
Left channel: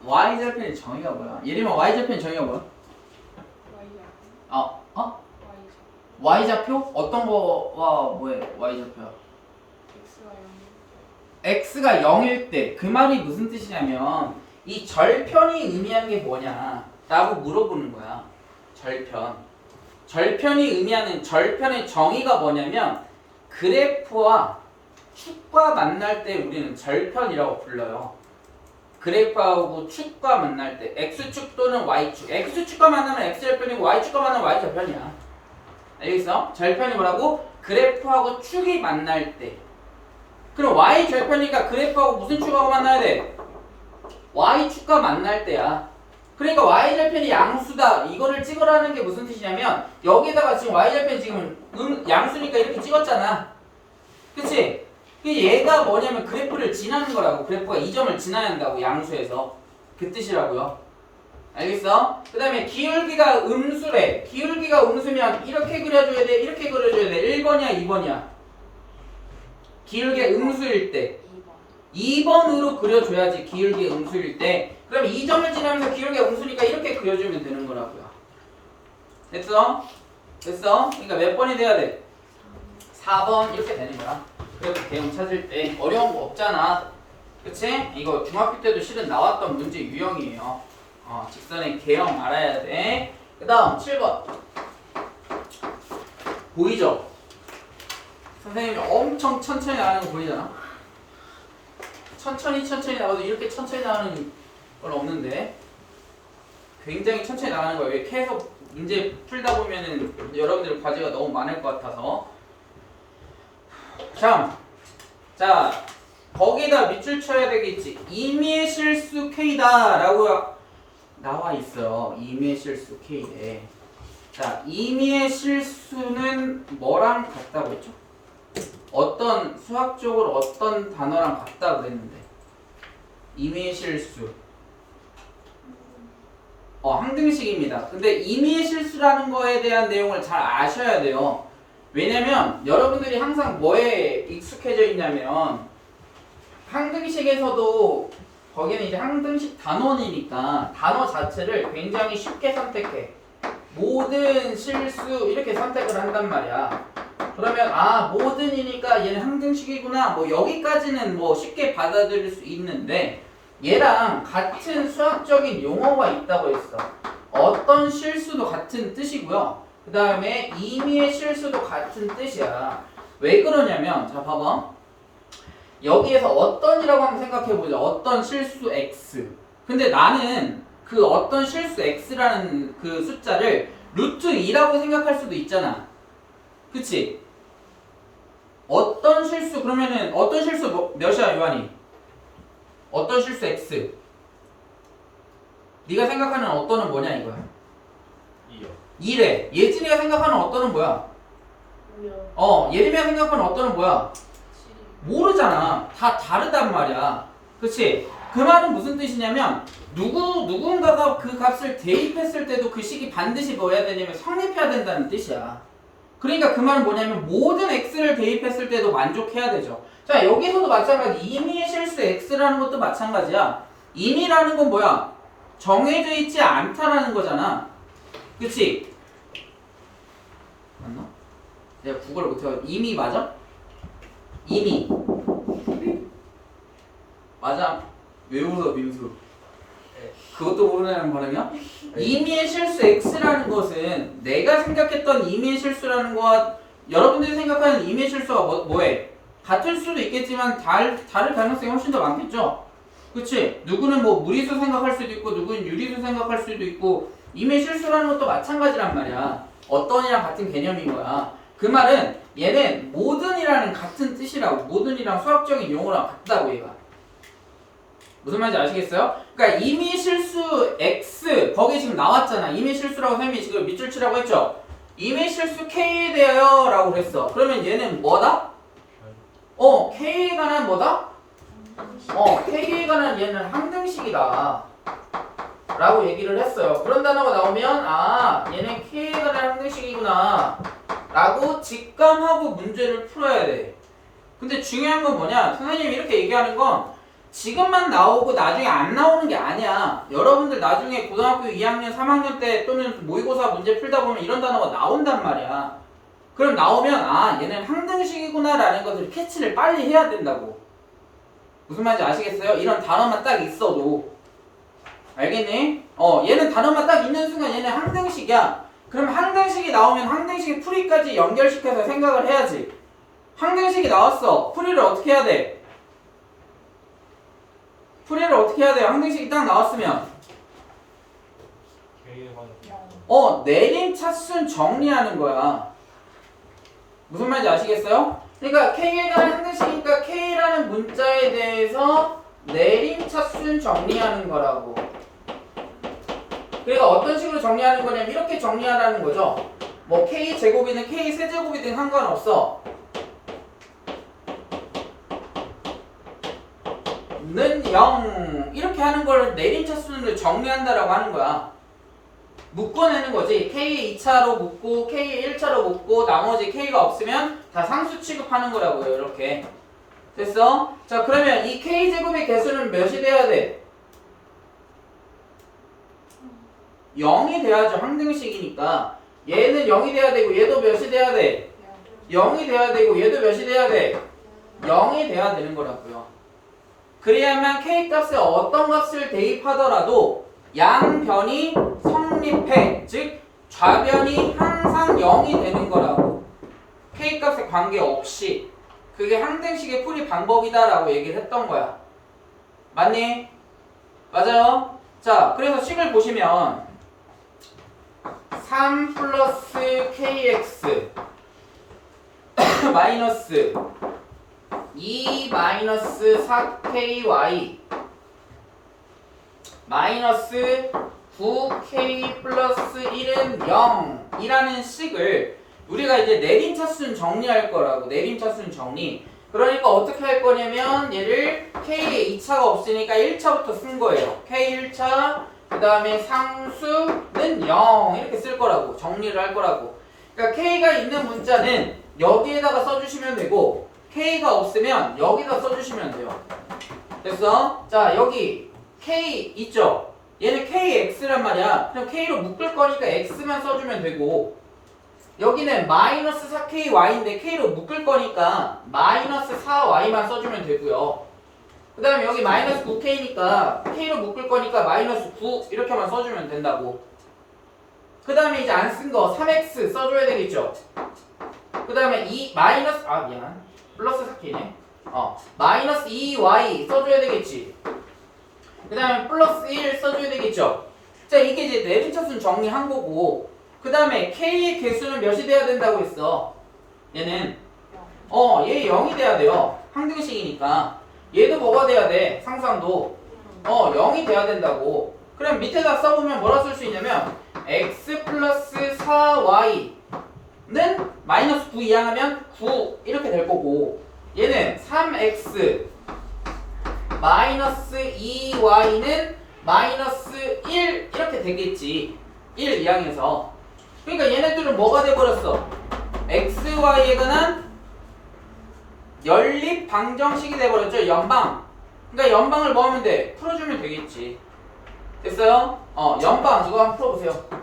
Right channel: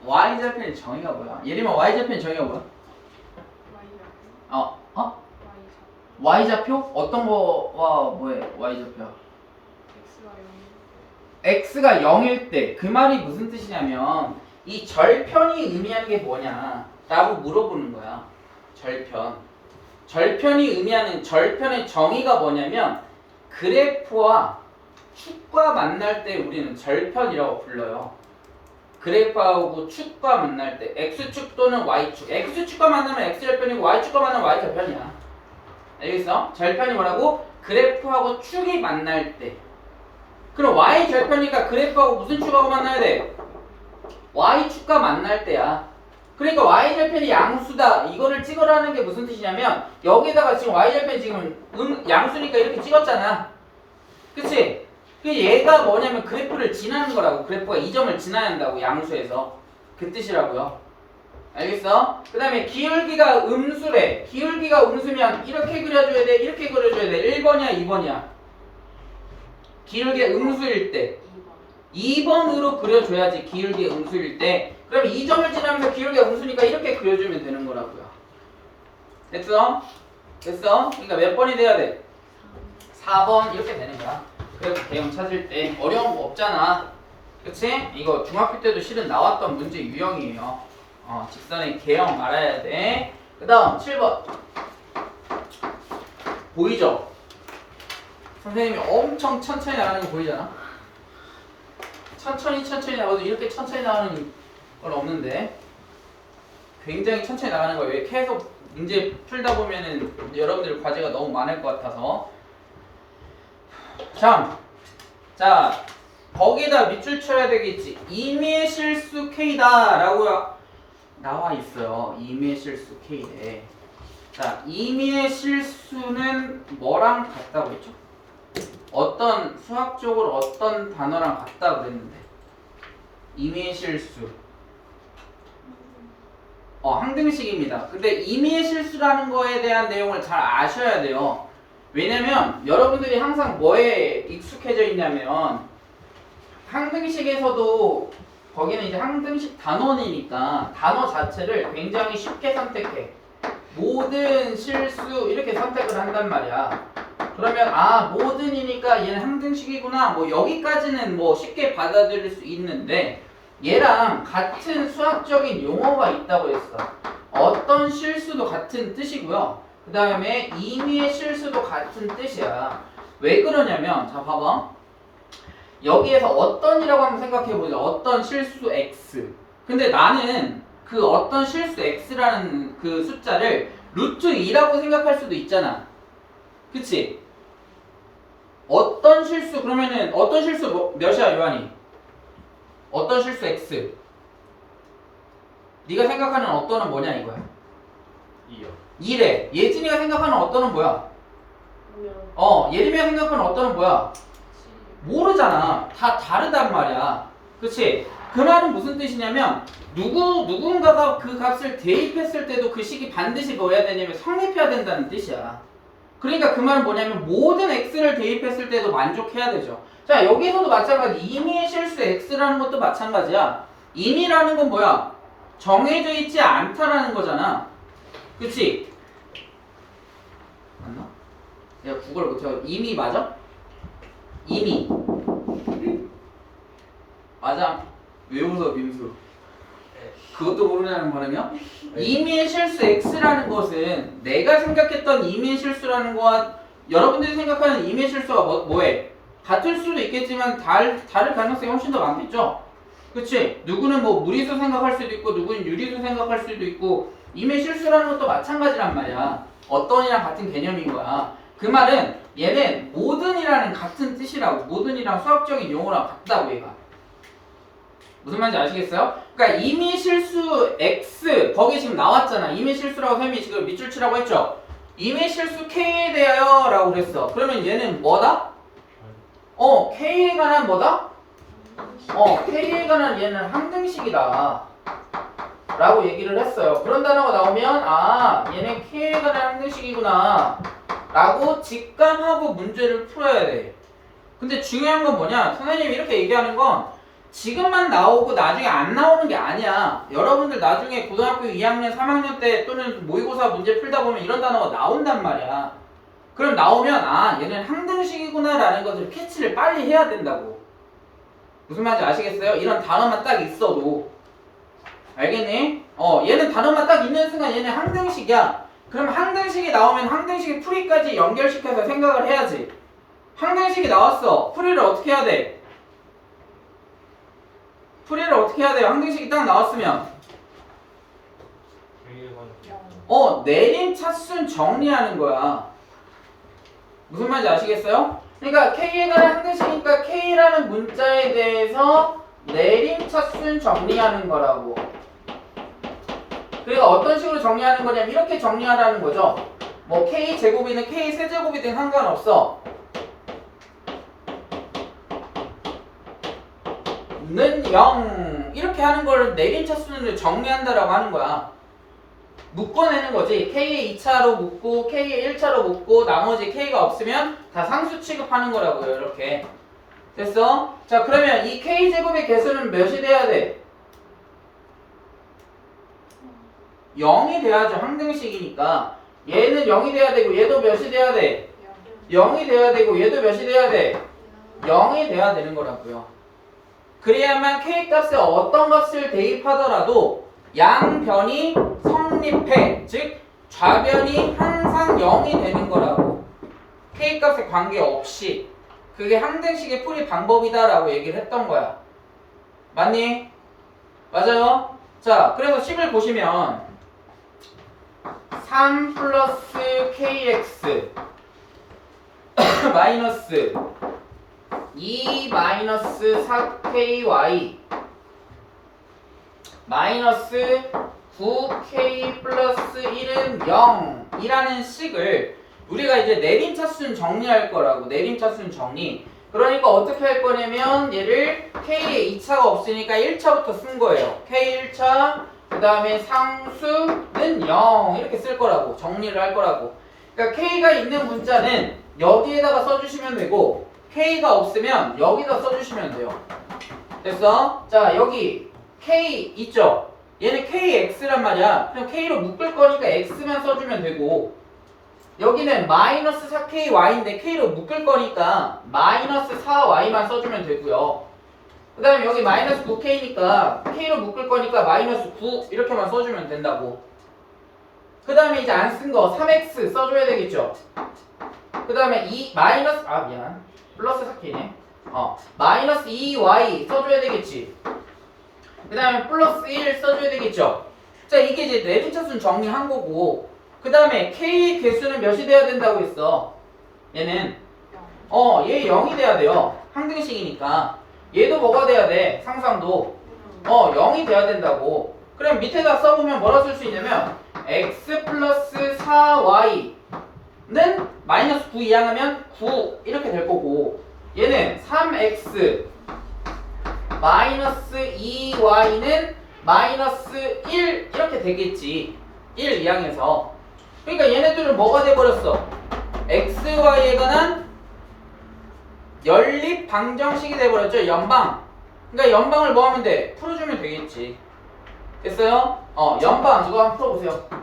y절편의 정의가 뭐야? 예림아, y절편의 정의가 뭐야? y좌표? 어떤 거와 뭐해? y좌표? x가 0일 때 그 말이 무슨 뜻이냐면 이 절편이 의미하는 게 뭐냐 라고 물어보는 거야. 절편이 의미하는 절편의 정의가 뭐냐면 그래프와 축과 만날 때 우리는 절편이라고 불러요. 그래프하고 축과 만날 때 x축 또는 y축. x축과 만나면 x절편이고 y축과 만나면 y절편이야. 알겠어? 절편이 뭐라고? 그래프하고 축이 만날 때. 그럼 y절편이니까 그래프하고 무슨 축하고 만나야 돼? y축과 만날 때야. 그러니까 y절편이 양수다 이거를 찍으라는 게 무슨 뜻이냐면 여기다가 지금 y절편 지금 양수니까 이렇게 찍었잖아. 그치? 그 얘가 뭐냐면 그래프를 지나는 거라고. 그래프가 이 점을 지나야 한다고 양수에서. 그 뜻이라고요. 알겠어? 그 다음에 기울기가 음수래. 기울기가 음수면 이렇게 그려줘야 돼? 이렇게 그려줘야 돼? 1번이야 2번이야? 기울기가 음수일 때 2번으로 그려줘야지. 기울기가 음수일 때. 그럼 이 점을 지나면서 기울기가 음수니까 이렇게 그려주면 되는 거라고요. 됐어? 됐어? 그러니까 몇 번이 돼야 돼? 4번 이렇게 되는 거야. 그래서 개형 찾을 때 어려운 거 없잖아. 그치? 이거 중학교 때도 실은 나왔던 문제 유형이에요. 직선의 개형 알아야 돼. 그 다음 7번 보이죠? 선생님이 엄청 천천히 나가는 거 보이잖아? 천천히 나가도 이렇게 천천히 나가는 건 없는데 굉장히 천천히 나가는 거예요. 왜 계속 문제 풀다 보면은 여러분들 과제가 너무 많을 것 같아서. 자 거기다 밑줄 쳐야 되겠지. 임의의 실수 K다 라고 나와 있어요. 임의의 실수 K래. 자 임의의 실수는 뭐랑 같다고 했죠? 어떤 수학적으로 어떤 단어랑 같다 그랬는데 임의의 실수 항등식입니다. 근데 임의의 실수라는 거에 대한 내용을 잘 아셔야 돼요. 왜냐면 여러분들이 항상 뭐에 익숙해져 있냐면 항등식에서도 거기는 이제 항등식 단원이니까 단어 자체를 굉장히 쉽게 선택해. 모든 실수 이렇게 선택을 한단 말이야. 그러면 모든이니까 얘는 항등식이구나 뭐 여기까지는 뭐 쉽게 받아들일 수 있는데 얘랑 같은 수학적인 용어가 있다고 했어. 어떤 실수도 같은 뜻이고요. 그 다음에 임의의 실수도 같은 뜻이야. 왜 그러냐면 자 봐봐. 여기에서 어떤이라고 한번 생각해보자. 어떤 실수 x. 근데 나는 그 어떤 실수 x라는 그 숫자를 루트 2라고 생각할 수도 있잖아. 그치? 어떤 실수 그러면은 어떤 실수 몇이야 요한이? 어떤 실수 x. 네가 생각하는 어떤은 뭐냐 이거야? 2요. 2래. 예진이가 생각하는 어떤은 뭐야? 예림이가 생각하는 어떤은 뭐야? 모르잖아. 다 다르단 말이야. 그치? 그 말은 무슨 뜻이냐면 누군가가 그 값을 대입했을 때도 그 식이 반드시 뭐여야 되냐면 성립해야 된다는 뜻이야. 그러니까 그 말은 뭐냐면 모든 x를 대입했을 때도 만족해야 되죠. 자 여기서도 마찬가지. 임의의 실수 x라는 것도 마찬가지야. 임의라는 건 뭐야? 정해져 있지 않다라는 거잖아. 그치? 맞나? 내가 국어를 못해가지고 임의 맞아? 임의 맞아. 왜 웃어 민수? 그것도 모르냐는 반응이야? 임의의 실수 x라는 것은 내가 생각했던 임의의 실수라는 거와 여러분들이 생각하는 임의의 실수가 뭐해? 같을 수도 있겠지만 다를 가능성이 훨씬 더 많겠죠? 그치? 누구는 뭐 무리수 생각할 수도 있고 누구는 유리수 생각할 수도 있고 임의의 실수라는 것도 마찬가지란 말이야. 어떤이랑 같은 개념인 거야. 그 말은 얘는 모든이라는 같은 뜻이라고. 모든이랑 수학적인 용어랑 같다고 얘가. 무슨 말인지 아시겠어요? 그러니까 임의 실수 x 거기 지금 나왔잖아. 임의 실수라고 쌤이 지금 밑줄 치라고 했죠. 임의 실수 k에 대하여 라고 그랬어. 그러면 얘는 뭐다? k에 관한 뭐다? k에 관한 얘는 항등식이다 라고 얘기를 했어요. 그런 단어가 나오면 얘는 k에 관한 항등식이구나 라고 직감하고 문제를 풀어야 돼. 근데 중요한 건 뭐냐? 선생님이 이렇게 얘기하는 건 지금만 나오고 나중에 안 나오는 게 아니야. 여러분들 나중에 고등학교 2학년, 3학년 때 또는 모의고사 문제 풀다 보면 이런 단어가 나온단 말이야. 그럼 나오면 얘는 항등식이구나 라는 것을 캐치를 빨리 해야 된다고. 무슨 말인지 아시겠어요? 이런 단어만 딱 있어도. 알겠니? 얘는 단어만 딱 있는 순간 얘는 항등식이야. 그럼 항등식이 나오면 항등식의 풀이까지 연결시켜서 생각을 해야지. 항등식이 나왔어. 풀이를 어떻게 해야 돼? 풀이를 어떻게 해야 돼요? 항등식이 딱 나왔으면 내림 차순 정리하는 거야. 무슨 말인지 아시겠어요? 그러니까 K에 관한 항등식이니까 K라는 문자에 대해서 내림 차순 정리하는 거라고. 그러니까 어떤 식으로 정리하는 거냐면 이렇게 정리하라는 거죠. 뭐 k 제곱이든 k 세제곱이든 상관없어. 는 0 이렇게 하는 걸 내림차 수를 정리한다라고 하는 거야. 묶어내는 거지. K에 2차로 묶고 K에 1차로 묶고 나머지 K가 없으면 다 상수 취급하는 거라고요. 이렇게. 됐어? 자, 그러면 이 K제곱의 개수는 몇이 돼야 돼? 0이 돼야죠. 항등식이니까. 얘는 0이 돼야 되고 얘도 몇이 돼야 돼? 0이 돼야 되고 얘도 몇이 돼야 돼? 0이 돼야 되는 거라고요. 그래야만 K값에 어떤 값을 대입하더라도 양변이 성립해. 즉 좌변이 항상 0이 되는 거라고. K값에 관계없이. 그게 항등식의 풀이 방법이다라고 얘기를 했던 거야. 맞니? 맞아요? 자, 그래서 식을 보시면 3 플러스 KX 마이너스 2 마이너스 4KY 마이너스 9K 플러스 1은 0 이라는 식을 우리가 이제 내림차순 정리할 거라고. 내림차순 정리. 그러니까 어떻게 할 거냐면 얘를 K에 2차가 없으니까 1차부터 쓴 거예요. K 1차 그 다음에 상수는 0 이렇게 쓸 거라고. 정리를 할 거라고. 그러니까 K가 있는 문자는 여기에다가 써주시면 되고 K가 없으면 여기다 써주시면 돼요. 됐어? 자, 여기 K 있죠? 얘는 KX란 말이야. 그럼 K로 묶을 거니까 X만 써주면 되고 여기는 마이너스 4KY인데 K로 묶을 거니까 마이너스 4Y만 써주면 되고요. 그 다음에 여기 마이너스 9K니까 K로 묶을 거니까 마이너스 9 이렇게만 써주면 된다고. 그 다음에 이제 안 쓴 거 3X 써줘야 되겠죠? 그 다음에 플러스 4K네. 마이너스 2Y 써줘야 되겠지. 그 다음에 플러스 1 써줘야 되겠죠. 자, 이게 이제 내림차순 정리한 거고 그 다음에 K의 개수는 몇이 돼야 된다고 했어? 얘는 얘 0이 돼야 돼요. 항등식이니까. 얘도 뭐가 돼야 돼? 상상도 0이 돼야 된다고. 그럼 밑에다 써보면 뭐라 쓸 수 있냐면 x 플러스 4y는 마이너스 9 이항하면 9 이렇게 될 거고 얘는 3x 마이너스 2y는 마이너스 1 이렇게 되겠지. 1 이항해서. 그러니까 얘네들은 뭐가 돼버렸어? xy에 관한 연립 방정식이 돼버렸죠. 연방. 그러니까 연방을 뭐 하면 돼? 풀어주면 되겠지. 됐어요? 연방 이거 한번 풀어보세요.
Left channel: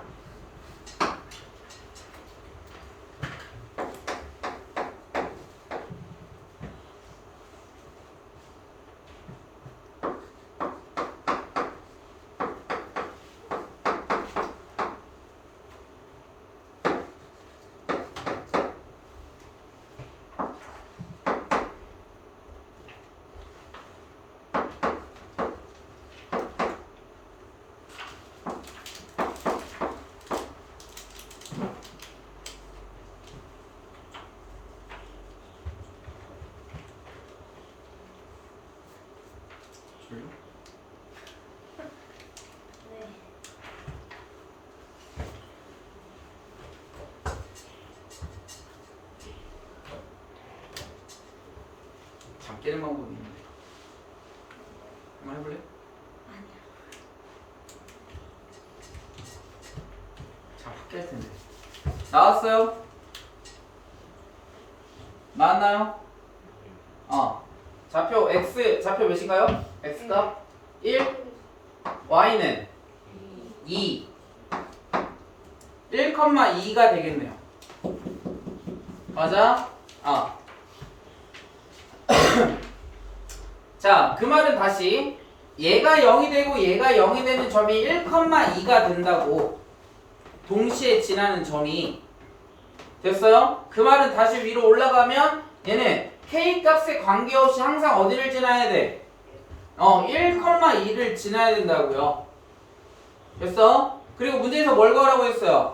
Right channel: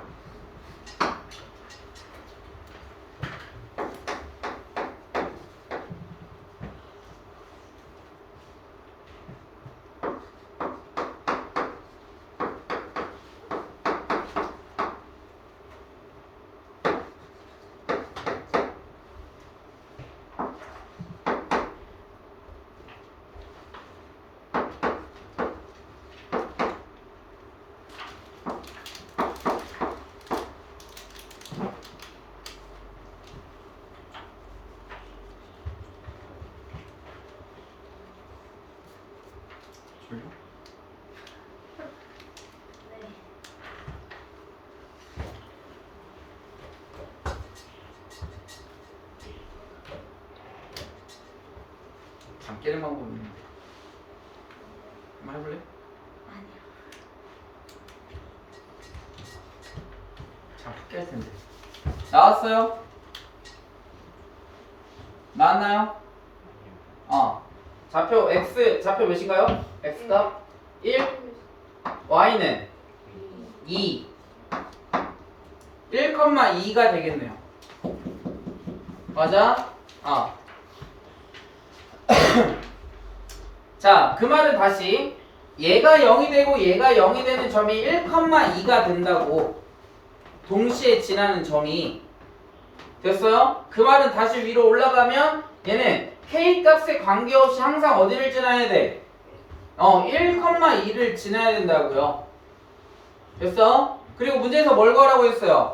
잠 깨는 방법이 있는데 한번 해볼래? 아니요. 잠 푹 깰 텐데. 나왔어요? 나왔나요? 좌표 x 좌표 몇인가요? x가 1, y는 2 1,2가 되겠네요. 맞아? 자, 그 말은 다시 얘가 0이 되고 얘가 0이 되는 점이 1,2가 된다고. 동시에 지나는 점이. 됐어요? 그 말은 다시 위로 올라가면 얘는 K값에 관계없이 항상 어디를 지나야 돼? 1,2를 지나야 된다고요. 됐어? 그리고 문제에서 뭘 구하라고 했어요?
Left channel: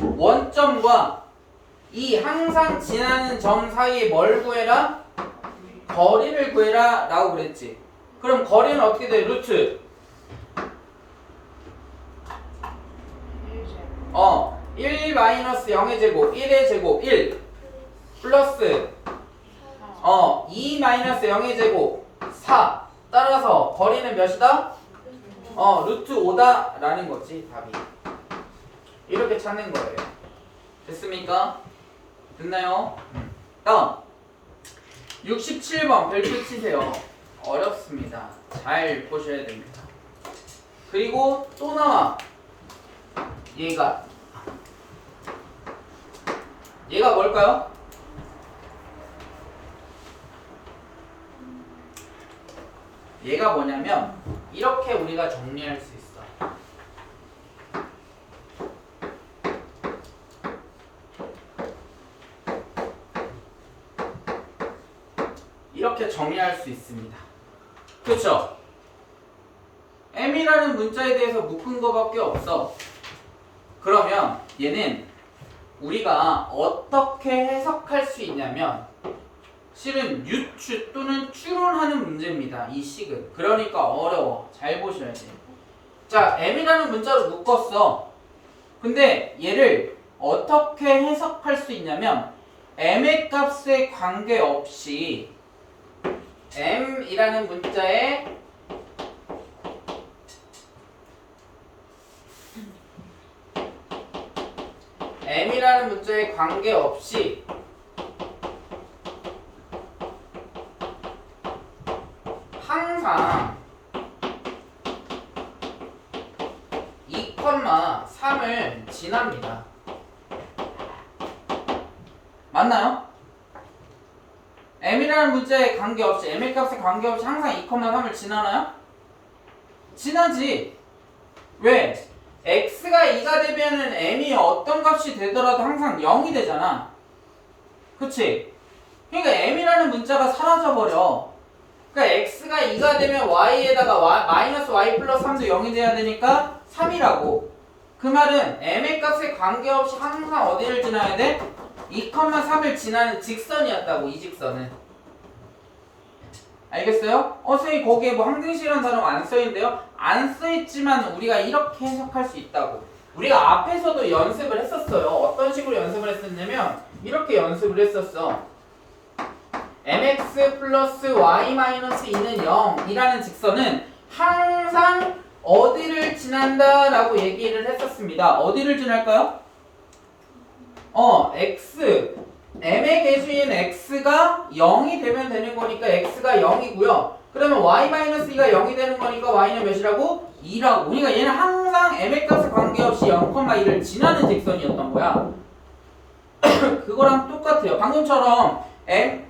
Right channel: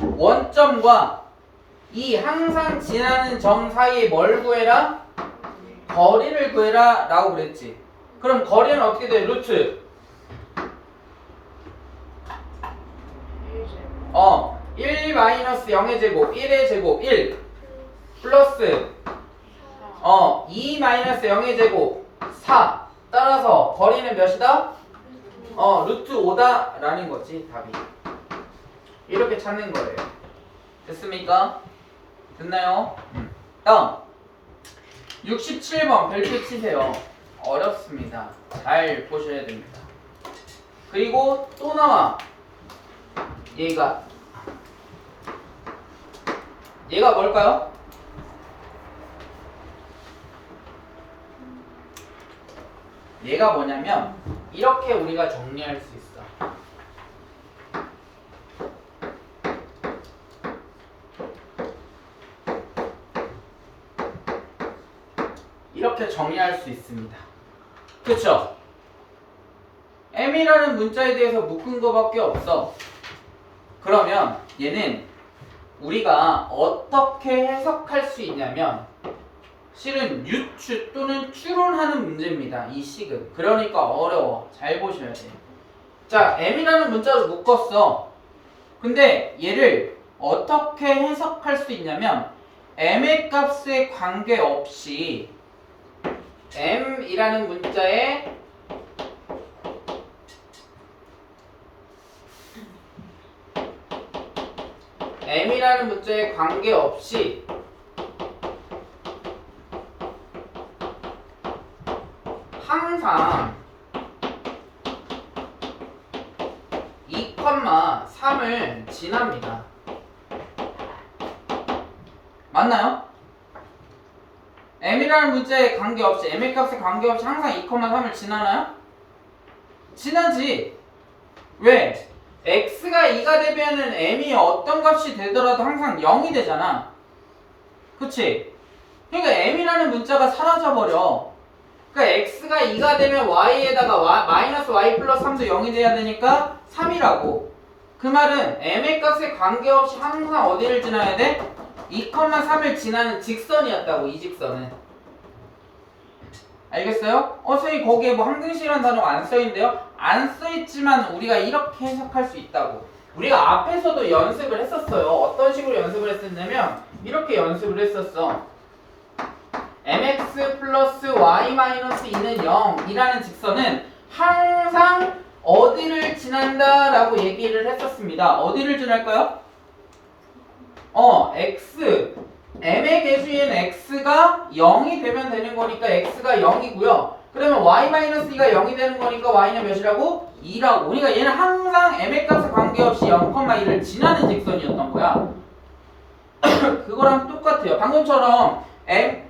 원점과 이 항상 지나는 점 사이에 뭘 구해라? 거리를 구해라 라고 그랬지. 그럼 거리는 어떻게 돼? 루트 1 마이너스 0의 제곱 1의 제곱 1 플러스 2 마이너스 0의 제곱 4 따라서 거리는 몇이다? 루트 5다 라는 거지 답이. 이렇게 찾는 거예요. 됐습니까? 됐나요? 다음 67번 별표 치세요. 어렵습니다. 잘 보셔야 됩니다. 그리고 또 나와. 얘가 뭘까요? 얘가 뭐냐면 이렇게 우리가 정리할 수 있어. 이렇게 정리할 수 있습니다. 그쵸? m이라는 문자에 대해서 묶은 거밖에 없어. 그러면 얘는 우리가 어떻게 해석할 수 있냐면 실은 유추 또는 추론하는 문제입니다. 이 식은. 그러니까 어려워. 잘 보셔야 돼요. 자, m이라는 문자로 묶었어. 근데 얘를 어떻게 해석할 수 있냐면 m의 값에 관계없이 m이라는 문자에 m이라는 문자에 관계없이 항상 2,3을 지납니다. 맞나요? m이라는 문자에 관계없이 m의 값에 관계없이 항상 2,3을 지나나요? 지나지. 왜? x가 2가 되면은 m이 어떤 값이 되더라도 항상 0이 되잖아. 그치? 그러니까 m이라는 문자가 사라져버려. 그러니까 x가 2가 되면 y에다가 마이너스 y 플러스 3도 0이 돼야 되니까 3이라고. 그 말은 m의 값에 관계없이 항상 어디를 지나야 돼? 2,3을 지나는 직선이었다고. 이 직선은. 알겠어요? 선생님 거기에 뭐 항등식이라는 단어가 안 써있는데요? 안 써있지만 우리가 이렇게 해석할 수 있다고. 우리가 앞에서도 연습을 했었어요. 어떤 식으로 연습을 했었냐면 이렇게 연습을 했었어. mx 플러스 y 마이너스 2는 0이라는 직선은 항상 어디를 지난다 라고 얘기를 했었습니다. 어디를 지날까요? x m의 개수인 x가 0이 되면 되는 거니까 x가 0이고요. 그러면 y-2가 0이 되는 거니까 y는 몇이라고? 2라고. 그러니까 얘는 항상 m의 값에 관계없이 0,1을 지나는 직선이었던 거야. 그거랑 똑같아요. 방금처럼 m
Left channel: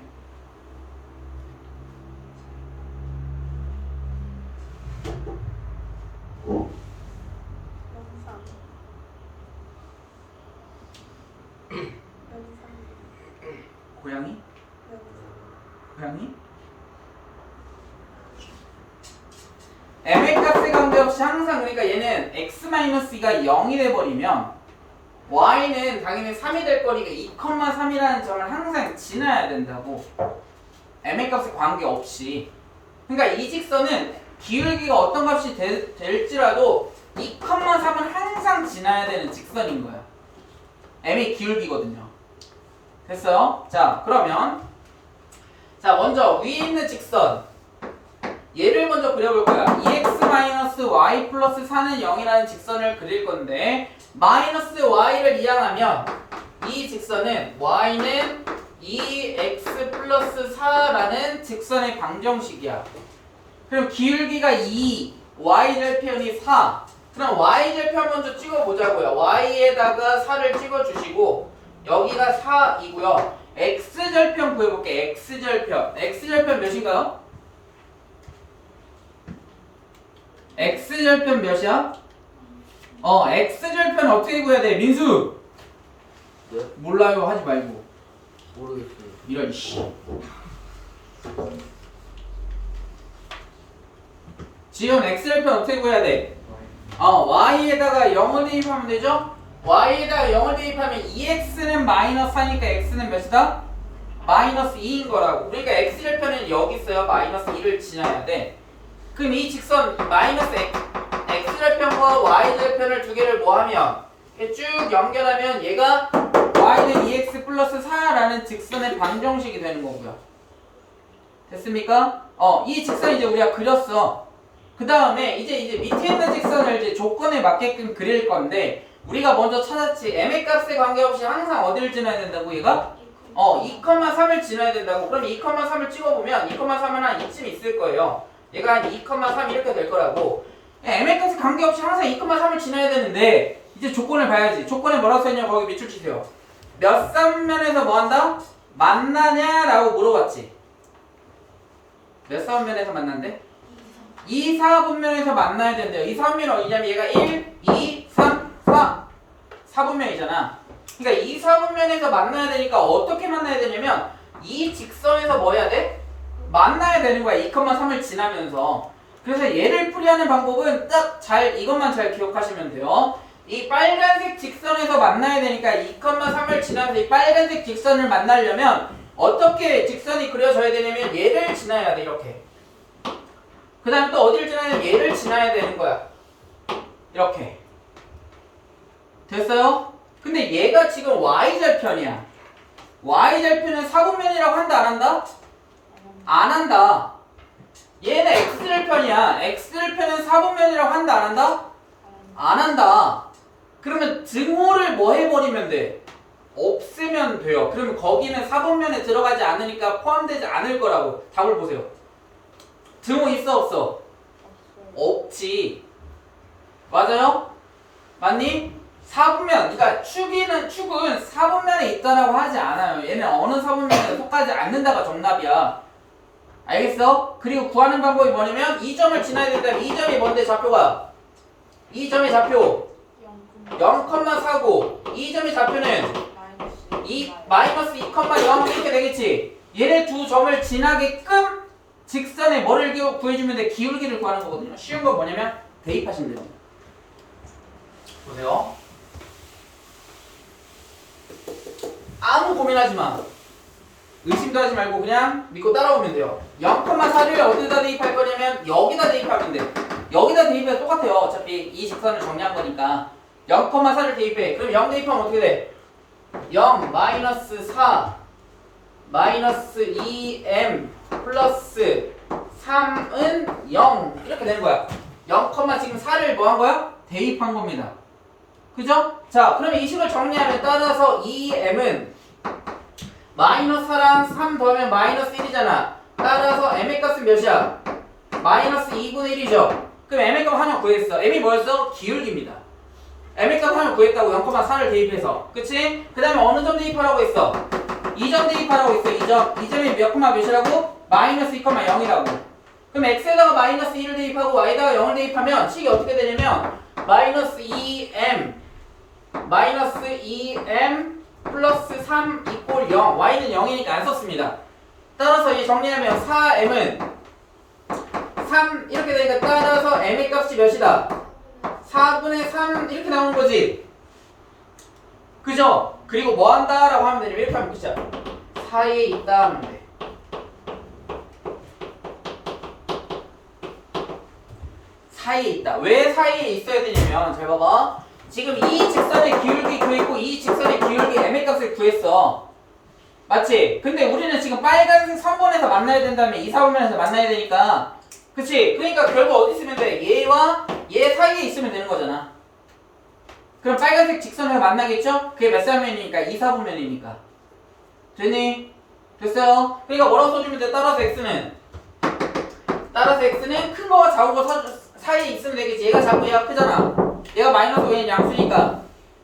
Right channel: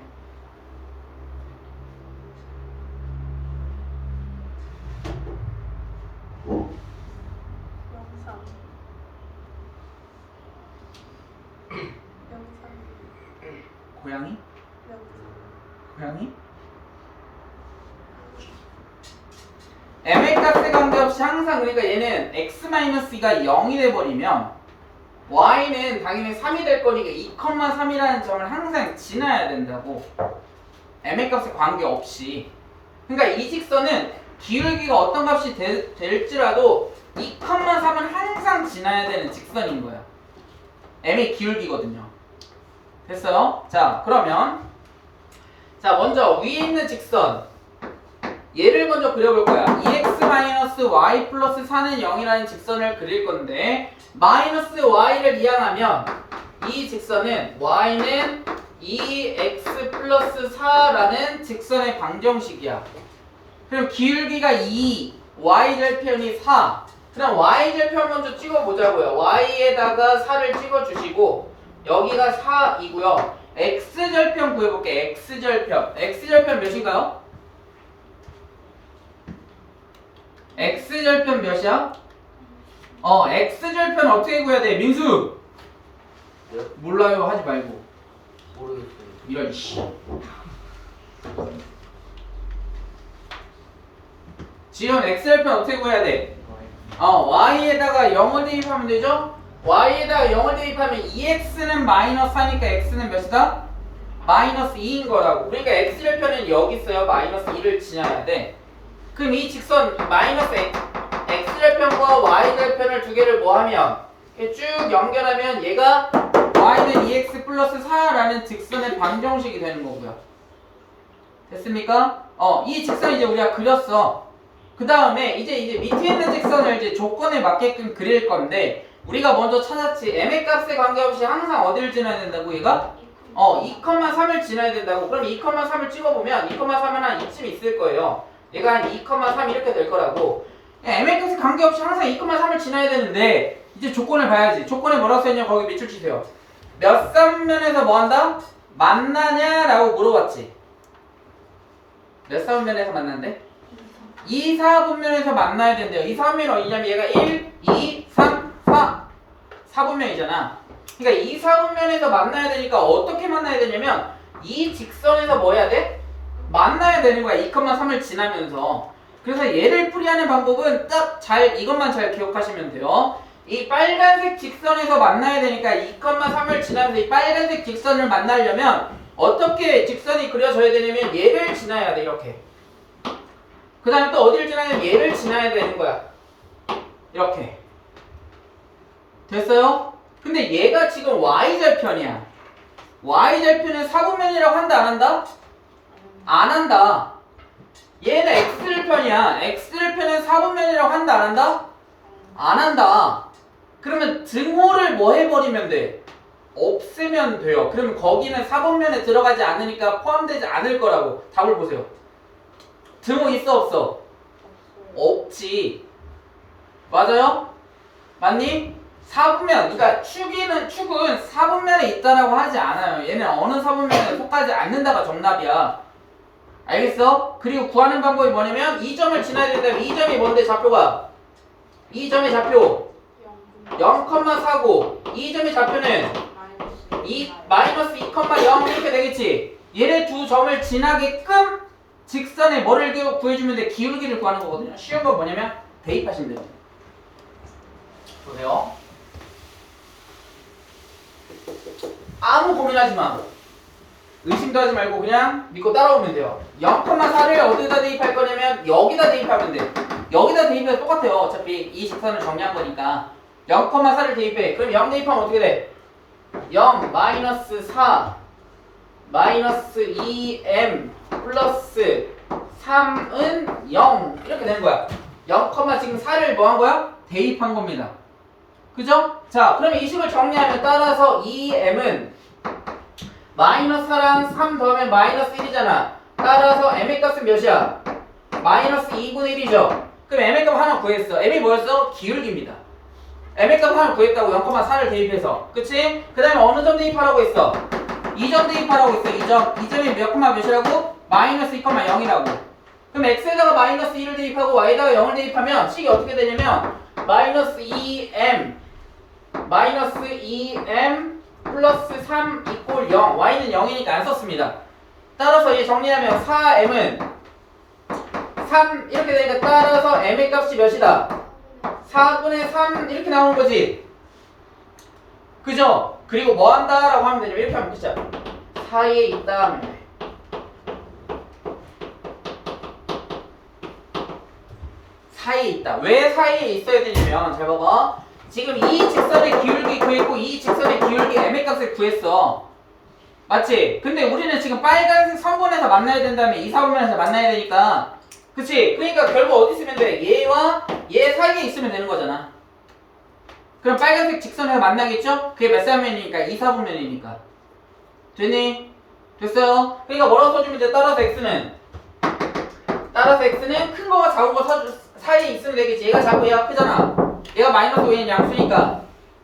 고양이? 고양이? m의 값에 관계없이 항상 그러니까 얘는 x-2가 0이 돼버리면 y는 당연히 3이 될 거니까 2,3이라는 점을 항상 지나야 된다고. m의 값에 관계없이. 그러니까 이 직선은 기울기가 어떤 값이 될지라도 2,3은 항상 지나야 되는 직선인 거야. m의 기울기거든요. 됐어요? 자, 그러면 자 먼저 위에 있는 직선 얘를 먼저 그려볼 거야. 2x-y 플러스 4는 0이라는 직선을 그릴 건데 마이너스 y를 이항하면 이 직선은 y는 2x 플러스 4라는 직선의 방정식이야. 그럼 기울기가 2, y절편이 4. 그럼 y절편 먼저 찍어보자고요. y에다가 4를 찍어주시고 여기가 4이고요. x절편 구해볼게. x절편 몇인가요? x절편 몇이야? x절편 어떻게 구해야 돼? 민수! 네? 몰라요 하지 말고. 모르겠어요. 이런 씨. 지금 x절편 어떻게 구해야 돼? y에다가 0을 대입하면 되죠? y에다가 0을 대입하면 2x는 마이너스 4니까 x는 몇이다? 마이너스 2인 거라고. 그러니까 x절편은 여기 있어요. 마이너스 2를 지나야 돼. 그럼 이 직선 마이너스 x절편과 y절편을 두 개를 뭐하면 이렇게 쭉 연결하면 얘가 y는 2x 플러스 4라는 직선의 방정식이 되는 거고요. 됐습니까? 이 직선 이제 우리가 그렸어. 그 다음에 이제 밑에 있는 직선을 이제 조건에 맞게끔 그릴 건데 우리가 먼저 찾았지. m의 값에 관계없이 항상 어디를 지나야 된다고 얘가? 2,3을 지나야 된다고. 그럼 2,3을 찍어보면 2,3은 한 이쯤 있을 거예요. 얘가 한 2,3 이렇게 될 거라고. m의 값에 관계없이 항상 2,3을 지나야 되는데 이제 조건을 봐야지. 조건에 뭐라고 써있냐 거기 밑줄 치세요. 몇 사분면에서 뭐 한다? 만나냐라고 물어봤지. 몇 사분면에서 만난대? 2, 4분면에서 만나야 된대요. 이 4분면이 어디냐면 얘가 1, 2, 3, 4 4분면이잖아. 그러니까 2, 4분면에서 만나야 되니까 어떻게 만나야 되냐면 이 직선에서 뭐 해야 돼? 만나야 되는 거야. 2,3을 지나면서. 그래서 얘를 풀이하는 방법은 딱 이것만 잘 기억하시면 돼요. 이 빨간색 직선에서 만나야 되니까 2,3을 지나면서 이 빨간색 직선을 만나려면 어떻게 직선이 그려져야 되냐면 얘를 지나야 돼. 이렇게. 그 다음에 또 어디를 지나냐면 얘를 지나야 되는 거야. 이렇게. 됐어요? 근데 얘가 지금 y절편이야. y절편은 4분면이라고 한다 안 한다? 안 한다. 얘는 x절편이야. x절편은 4분면이라고 한다 안 한다? 안 한다. 그러면 등호를 뭐 해버리면 돼? 없애면 돼요. 그러면 거기는 4분면에 들어가지 않으니까 포함되지 않을 거라고. 답을 보세요. 등호 있어 없어? 없지. 맞아요? 맞니? 4분면, 그러니까 축은 4분면에 있다라고 하지 않아요. 얘는 어느 4분면에 속하지 않는다가 정답이야. 알겠어? 그리고 구하는 방법이 뭐냐면 이 점을 지나야 된다면 이 점이 뭔데 좌표가? 이 점의 좌표 0,4고 이 점의 좌표는 마이너스 2,0 이렇게 되겠지. 얘네 두 점을 지나게끔 직선에 뭐를 구해주면 돼? 기울기를 구하는 거거든요. 쉬운 건 뭐냐면 대입하시면 됩니다. 보세요. 아무 고민하지 마. 의심도 하지 말고 그냥 믿고 따라오면 돼요. 0,4를 어디다 대입할 거냐면 여기다 대입하면 돼. 여기다 대입해도 똑같아요. 어차피 이 직선을 정리한 거니까. 0,4를 대입해. 그럼 0 대입하면 어떻게 돼? 0 마이너스 4 마이너스 2m 플러스 3은 0 이렇게 되는 거야. 0, 지금 4를 뭐 한 거야? 대입한 겁니다. 그죠? 자, 그러면 이 식을 정리하면 따라서 2m은 마이너스 4랑 3 더하면 마이너스 1이잖아. 따라서 m의 값은 몇이야? 마이너스 2분의 1이죠. 그럼 m의 값 하나 구했어. m이 뭐였어? 기울기입니다. m의 값 하나 구했다고 0,4를 대입해서. 그치? 그 다음에 어느 점 대입하라고 했어? 2점 대입하라고 했어. 2점. 2점이 몇 콤마 몇이라고? 마이너스 2,0이라고. 그럼 x에다가 마이너스 1을 대입하고 y에다가 0을 대입하면 식이 어떻게 되냐면 마이너스 2m 플러스 3 이꼴 0. y는 0이니까 안 썼습니다. 따라서 이 정리하면 4m은 3 이렇게 되니까 따라서 m의 값이 몇이다? 4분의 3 이렇게 나오는 거지. 그죠? 그리고 뭐 한다? 라고 하면 되냐면 이렇게 하면 끝이야. 사이에 있다 하면 돼. 사이에 있다. 왜 사이에 있어야 되냐면 잘 봐봐. 지금 이 직선의 기울기 구했고 이 직선의 기울기 m의 값을 구했어. 맞지? 근데 우리는 지금 빨간색 선분에서 만나야 된다면 이 사분면에서 만나야 되니까. 그치? 그러니까 결국 어디 있으면 돼? 얘와 얘 사이에 있으면 되는 거잖아. 그럼 빨간색 직선에서 만나겠죠? 그게 몇 사분면이니까? 2, 4분면이니까. 됐니? 됐어요? 그러니까 뭐라고 써주면 돼? 따라서 x는 큰 거와 작은 거 사이에 있으면 되겠지. 얘가 작고 얘가 크잖아. 얘가 마이너스 5는 양수니까.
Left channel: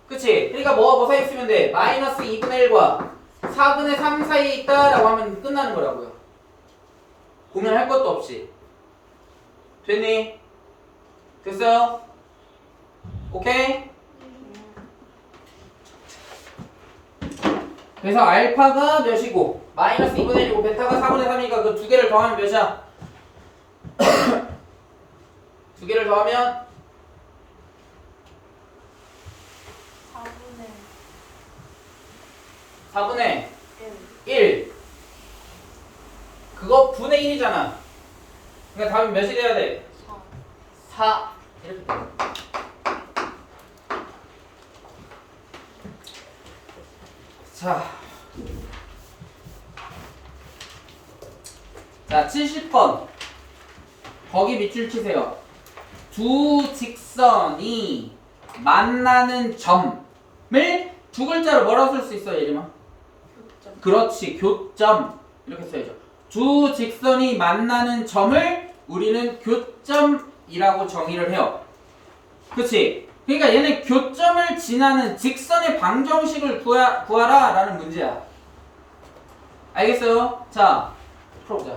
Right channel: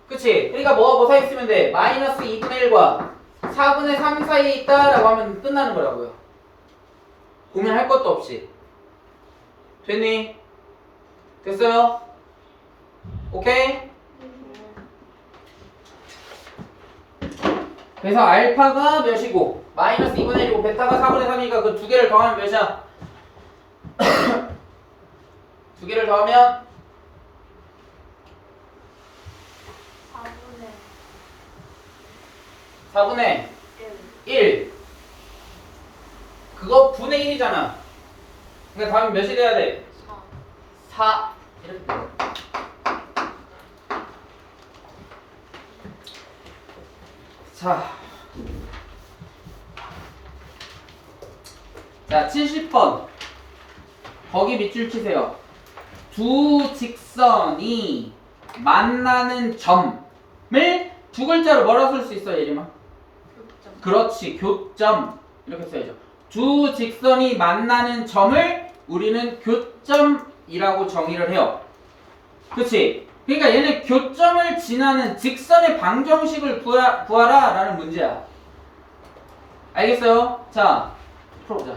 그치? 그러니까 뭐 사이에 있으면 돼? 마이너스 2분의 1과 4분의 3 사이에 있다라고 하면 끝나는 거라고요. 고민할 것도 없이. 됐니? 됐어요? 오케이? 그래서 알파가 몇이고 마이너스 2분의 1이고 베타가 4분의 3이니까 그 두 개를 더하면 몇이야? 두 개를 더하면 4분의 1. 그거 분의 1이잖아. 그러니까 답은 몇이 돼야 돼? 4. 이렇게 돼. 자 70번 거기 밑줄 치세요. 두 직선이 만나는 점을 두 글자로 뭐라고 쓸 수 있어요, 예림아? 교점. 그렇지, 교점 이렇게 써야죠. 두 직선이 만나는 점을 우리는 교점이라고 정의를 해요. 그치? 그러니까 얘는 교점을 지나는 직선의 방정식을 구하라 라는 문제야. 알겠어요? 자, 풀어보자.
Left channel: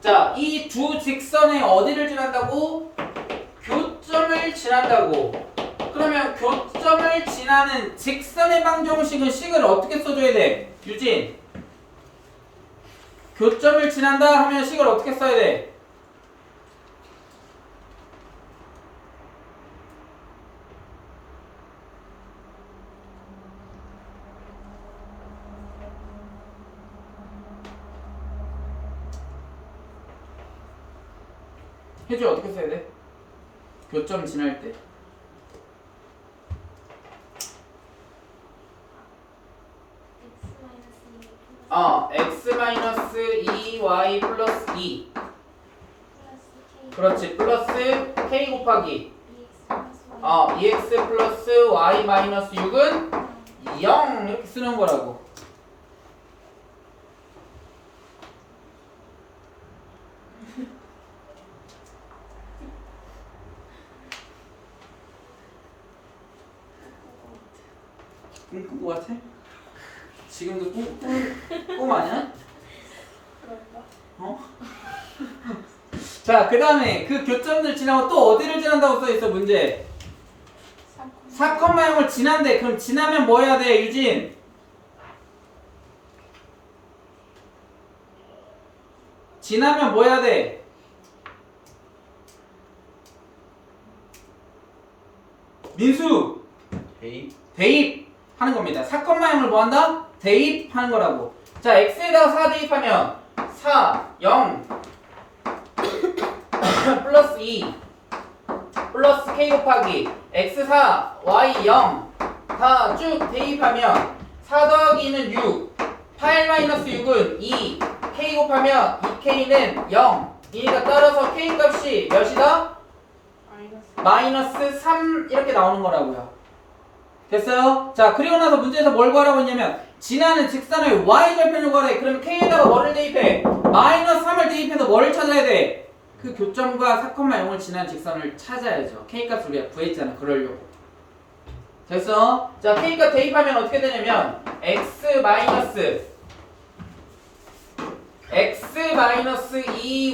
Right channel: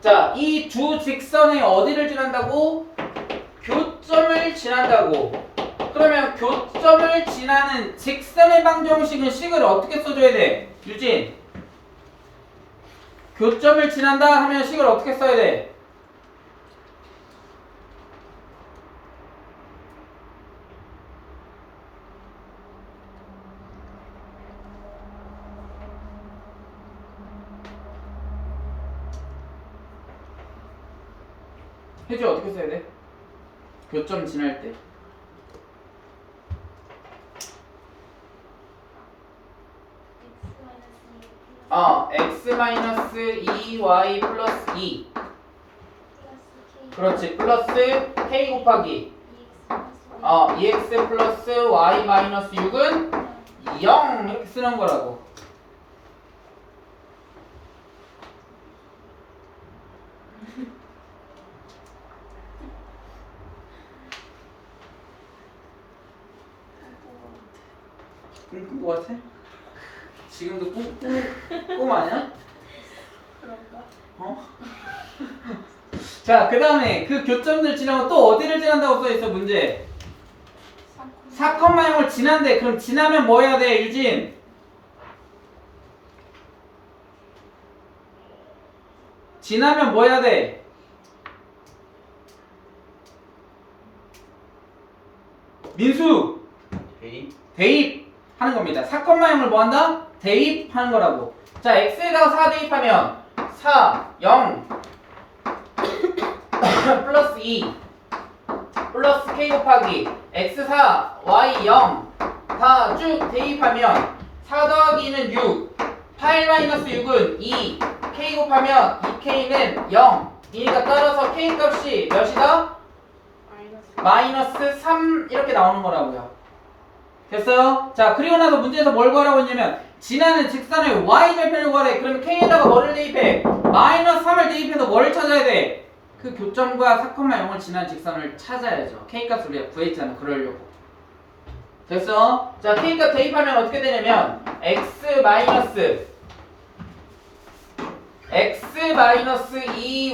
자, 이 두 직선의 어디를 지난다고? 교점을 지난다고. 그러면 교점을 지나는 직선의 방정식은 식을 어떻게 써줘야 돼? 유진. 교점을 지난다 하면 식을 어떻게 써야 돼? 혜주 어떻게 써야 돼? 교점 지날 때. x-2y 플러스 2. 그렇지. 플러스 k 곱하기 2x 플러스 y 마이너스 6은 0 이렇게 쓰는 거라고. 꿈꾼 거 같아? 지금도 꿈 아니야? 그런가? 어? 자, 그 다음에 그 교점들 지나고 또 어디를 지난다고 써있어, 문제? 4,0을 지난대. 그럼 지나면 뭐 해야 돼, 유진? 지나면 뭐 해야 돼? 민수! 대입 하는 겁니다. 4,0을 뭐 한다? 대입하는 거라고. 자, x에다가 4 대입하면 4, 0 플러스 2 플러스 k 곱하기 x4, y 0 다 쭉 대입하면 4 더하기 2는 6 8 마이너스 6은 2 k 곱하면 2k는 0 이니까 따라서 k 값이 몇이다? 마이너스 3 이렇게 나오는 거라고요. 됐어요? 자, 그리고 나서 문제에서 뭘 구하라고 했냐면 지나는 직선을 y절편을 구하래. 그러면 k에다가 뭐를 대입해? 마이너스 3을 대입해서 뭐를 찾아야 돼? 그 교점과 4,0을 지난 직선을 찾아야죠. k값을 우리가 구했잖아. 그러려고. 됐어? 자, k값 대입하면 어떻게 되냐면 x 마이너스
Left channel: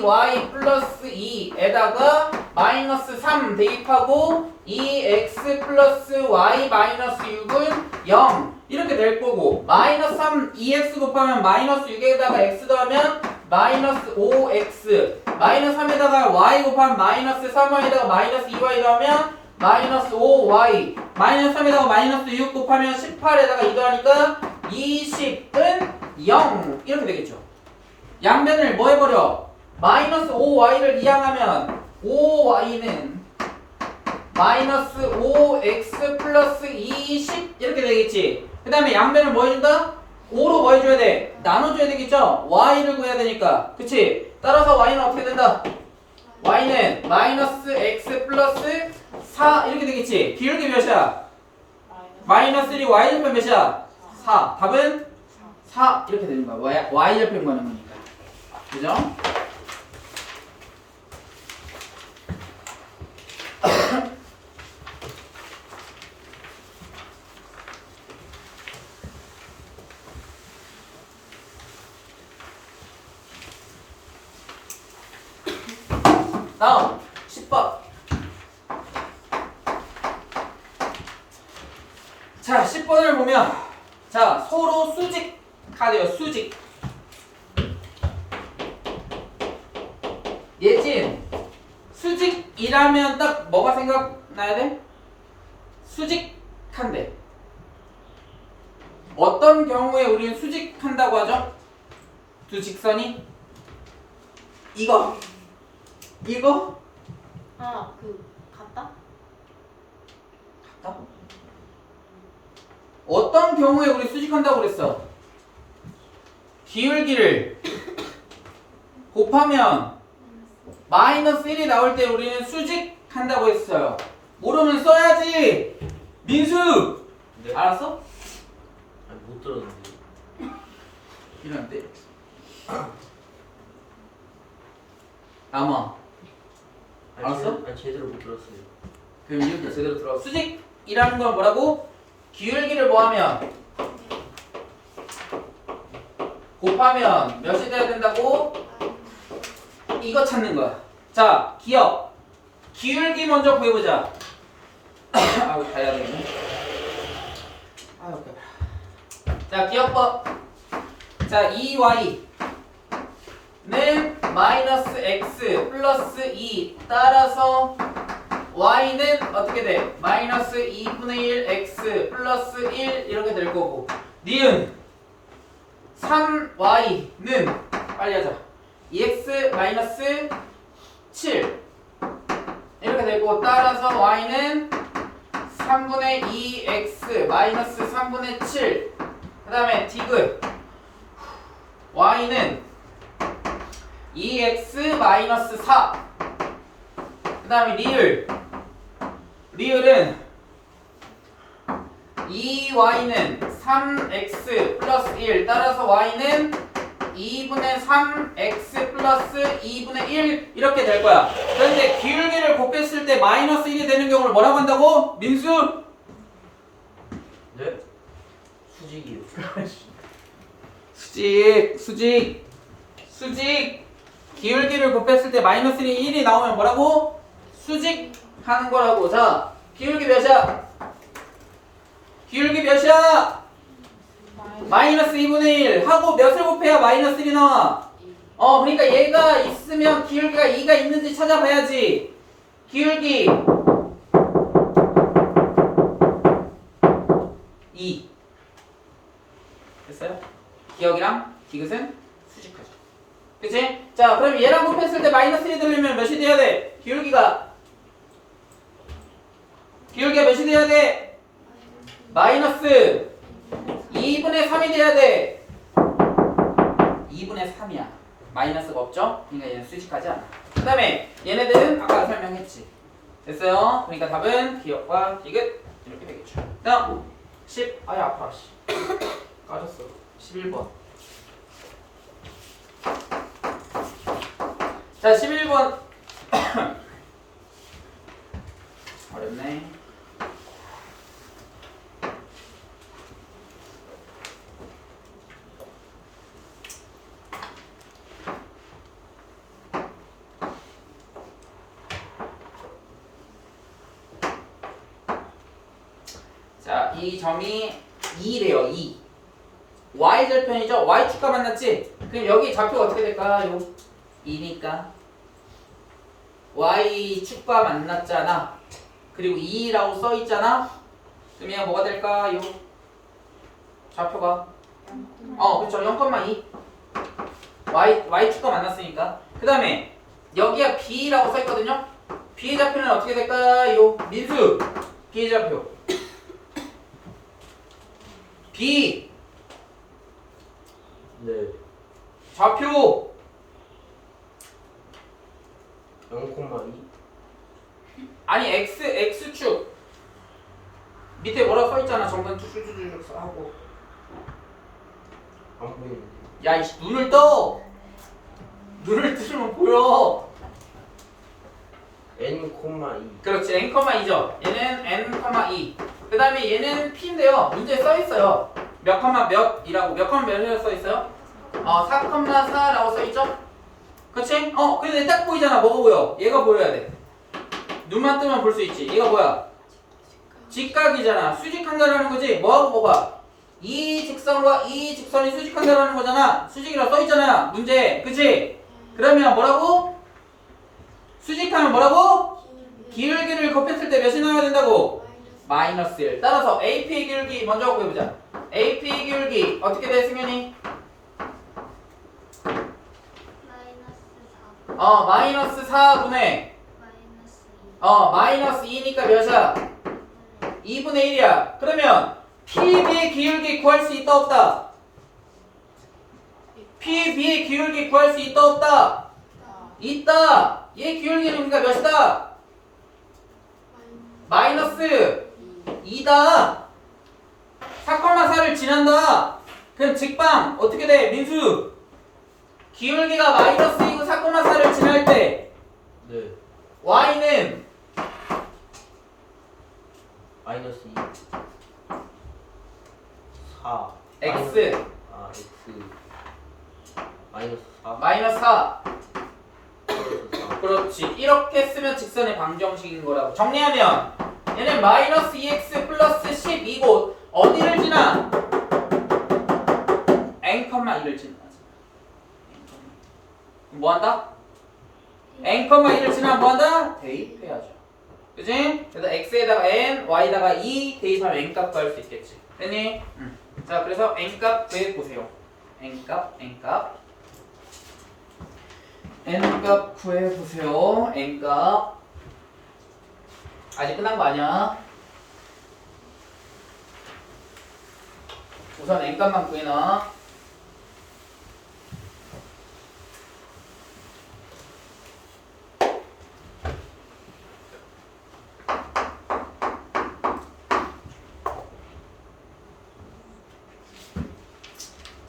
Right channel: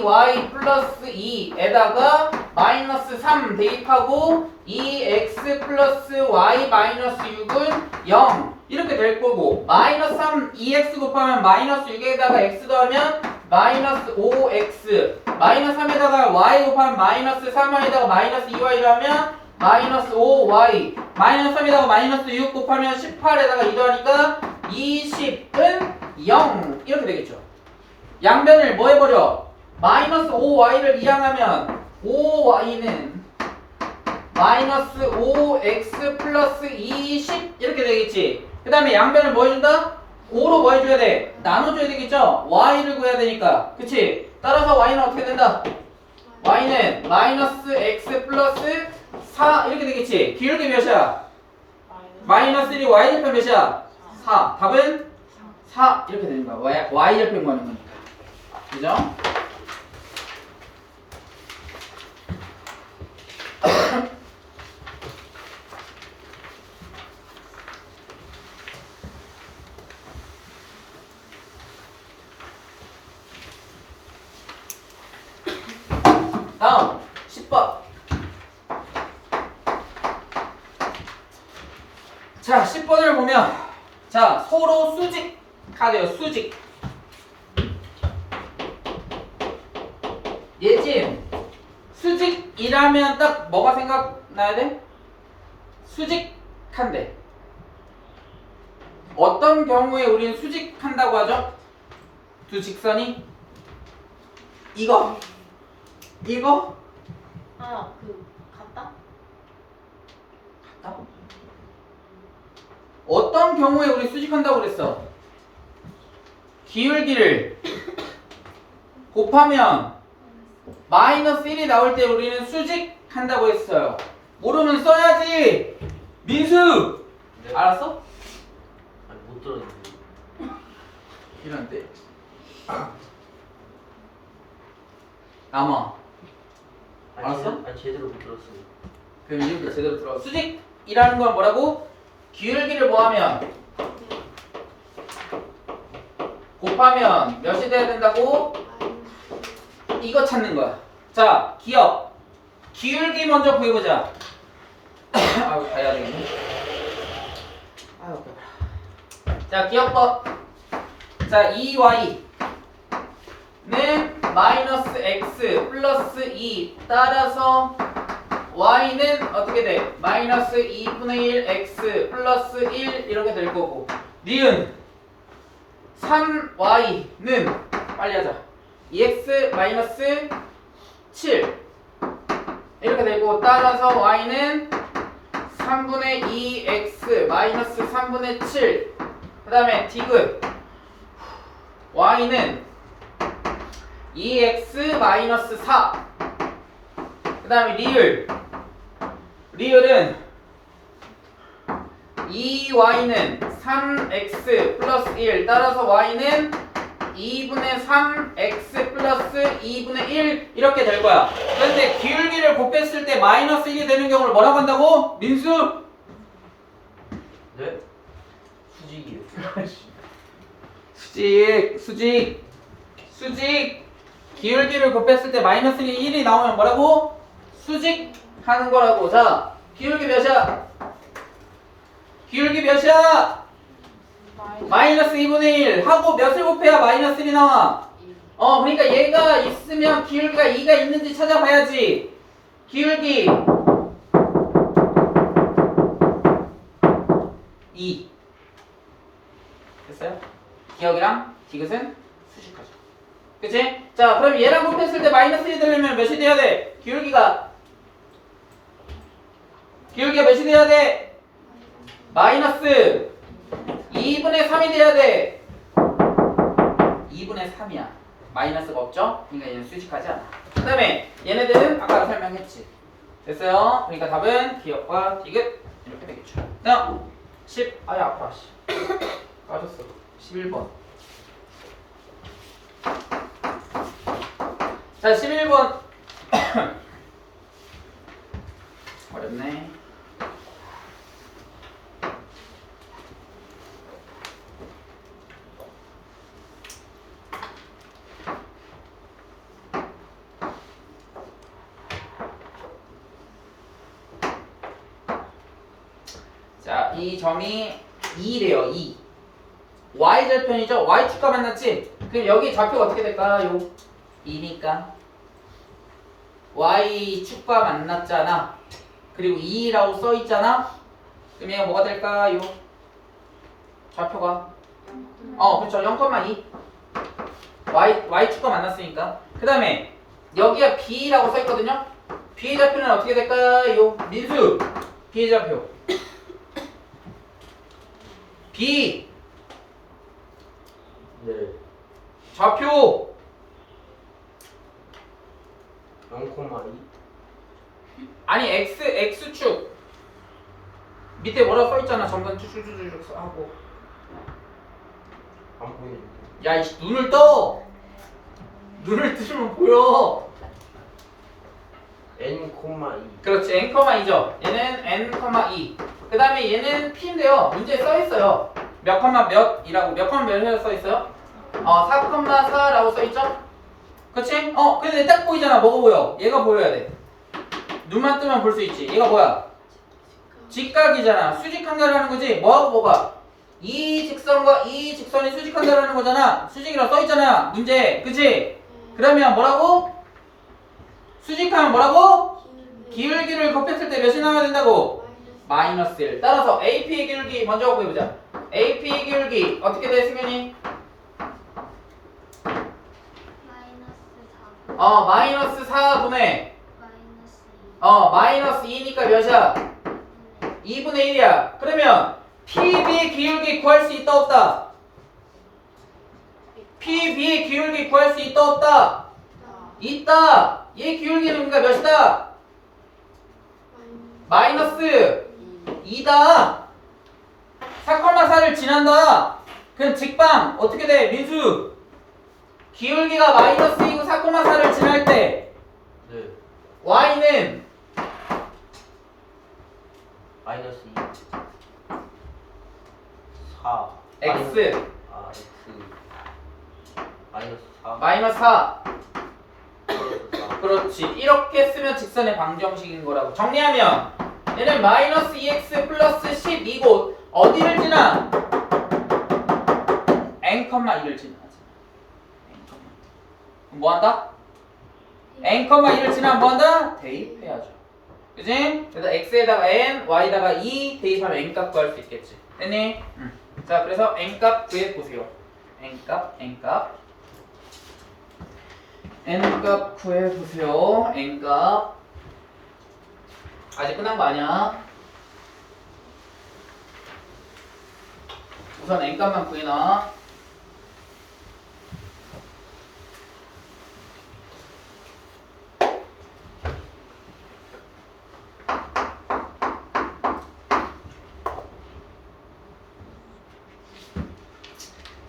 2y 플러스 2에다가 마이너스 3 대입하고 2x 플러스 y 마이너스 6은 0 이렇게 될 거고 마이너스 3 2x 곱하면 마이너스 6에다가 x 더하면 마이너스 5x 마이너스 3에다가 y 곱하면 마이너스 3y에다가 마이너스 2y 더하면 마이너스 5y 마이너스 3에다가 마이너스 6 곱하면 18에다가 2 더하니까 20은 0 이렇게 되겠죠. 양변을 뭐 해버려? 마이너스 5y를 이항하면 5y는 마이너스 5x 플러스 20 이렇게 되겠지. 그 다음에 양변을 뭐 해준다? 5로 뭐 해줘야 돼? 나눠줘야 되겠죠? y를 구해야 되니까. 그치? 따라서 y는 어떻게 된다? y는 마이너스 x 플러스 4 이렇게 되겠지. 기울기 몇이야? 마이너스 1이 y절편 몇이야? 4. 답은 4 이렇게 되는 거야. y절편 구하는 거니까. 그죠? 다음 10번. 자, 10번을 보면 자, 서로 수직하네요. 수직. 예진, 수직이라면 딱 뭐가 생각나야 돼? 수직한데. 어떤 경우에 우리는 수직한다고 하죠? 두 직선이 이거 아, 그 같다? 같다? 어떤 경우에 우리 수직한다고 그랬어? 기울기를 곱하면 마이너스 1이 나올 때 우리는 수직한다고 했어요. 모르면 써야지. 민수 네. 알았어? 아니 못 들었는데. 이런데 남아. 알았어? 아니 제대로 못 들었어요. 그럼 이렇게 제대로 들어. 수직이라는 건 뭐라고? 기울기를 뭐하면 곱하면 몇이 돼야 된다고? 이거 찾는 거야. 자, 기억. 기울기 먼저 구해보자. 아유, 다 해야 되겠네. 아유, 오케이. 자, 기억법. 자, 2y는 마이너스 x 플러스 2 따라서 y는 어떻게 돼? 마이너스 2분의 1 x 플러스 1 이렇게 될 거고 니은 3y는 빨리 하자 2x 마이너스 7 이렇게 되고 따라서 y는 3분의 2x 마이너스 3분의 7 그 다음에 디귿 y는 2x 마이너스 4 그 다음에 리을은 2y는 3x 플러스 1 따라서 y는 2분의 3x 플러스 2분의 1 이렇게 될 거야. 그런데 기울기를 곱했을 때 마이너스 1이 되는 경우를 뭐라고 한다고? 민수? 네? 수직이요. 수직 기울기를 곱했을 때 마이너스 1이 나오면 뭐라고? 수직하는 거라고. 자, 기울기 몇이야? 기울기 몇이야? 마이너스 2분의 1 하고 몇을 곱해야 마이너스 1이 나와? 그러니까 얘가 있으면 기울기가 2가 있는지 찾아봐야지. 기울기 2 됐어요? 기억이랑 디귿은 수직하죠. 그치? 자, 그럼 얘랑 곱했을 때 마이너스 1이 되려면 몇이 돼야 돼? 기울기가 몇이 돼야 돼? 마이너스 2분의 3이 돼야 돼. 2분의 3이야. 마이너스가 없죠? 그러니까 얘는 수직하지 않아. 그 다음에 얘네들은 아까 설명했지. 됐어요? 그러니까 답은 기억과 디귿 이렇게 되겠죠. 다음 10 아야 아파 씨. 까졌어. 11번. 자 11번 어렵네. 자, 이 점이 2래요. 2. y절편이죠. y축과 만났지? 그럼 여기 좌표가 어떻게 될까요? 2니까 y축과 만났잖아. 그리고 2라고 써있잖아. 그럼 얘가 뭐가 될까요? 좌표가 그렇죠. 0,2 y축과 만났으니까. 그 다음에 여기가 b라고 써있거든요. b의 좌표는 어떻게 될까요? 민수 b의 좌표 b 네. 좌표 0,2. 아니 x축 밑에 뭐라고 써있잖아. 정근 쭉쭉쭉쭉 하고 안 보이는데. 야 이씨 눈을 떠. 눈을 뜨면 보여. N,2. 그렇지 n,2죠. 얘는 n,2 그 다음에 얘는 p인데요. 문제에 써있어요. 몇 컴마 몇이라고. 몇 컴마 몇이라고 써있어요? 4,4라고 써있죠? 그치? 근데 딱 보이잖아. 뭐가 보여? 얘가 보여야 돼. 눈만 뜨면 볼 수 있지. 얘가 뭐야? 직각이잖아. 수직한다라는 거지. 뭐하고 뭐가? 이 직선과 이 직선이 수직한다라는 거잖아. 수직이라고 써있잖아. 문제. 그치? 그러면 뭐라고? 수직하면 뭐라고? 기울기를 곱했을 때 몇이 나와야 된다고? 마이너스 1. 따라서 AP의 기울기 먼저 구해보자. AP 기울기 어떻게 돼 승현이? 마이너스 4. 마이너스 4분의 마이너스 2. 마이너스 2니까 몇이야? 2분의 1이야. 그러면 PB의 기울기 구할 수 있다 없다? PB의 기울기 구할 수 있다 없다? 있다. 얘 기울기는 그러니까 몇이다? 마이너스 2다. 4,4를 지난다. 그럼 직방 어떻게 돼? 민수 기울기가 마이너스 2고 4,4를 지날 때 네. y는 마이너스 2. 4. x 아, x. 마이너스 4. 마이너스 4. 플러스 4. 그렇지. 이렇게 쓰면 직선의 방정식인 거라고. 정리하면 얘는 마이너스 2x 플러스 12고 어디를 지나? n,2를 지나지. 뭐 한다? n,2를 지나면 뭐 한다? 대입해야죠. 그지? 그래서 x에다가 n, y에다가 2 대입하면 n값 구할 수 있겠지. 됐니? 자, 그래서 n값 구해보세요. n값 구해보세요. n값 아직 끝난 거 아니야? 우선 n값만 구해놔.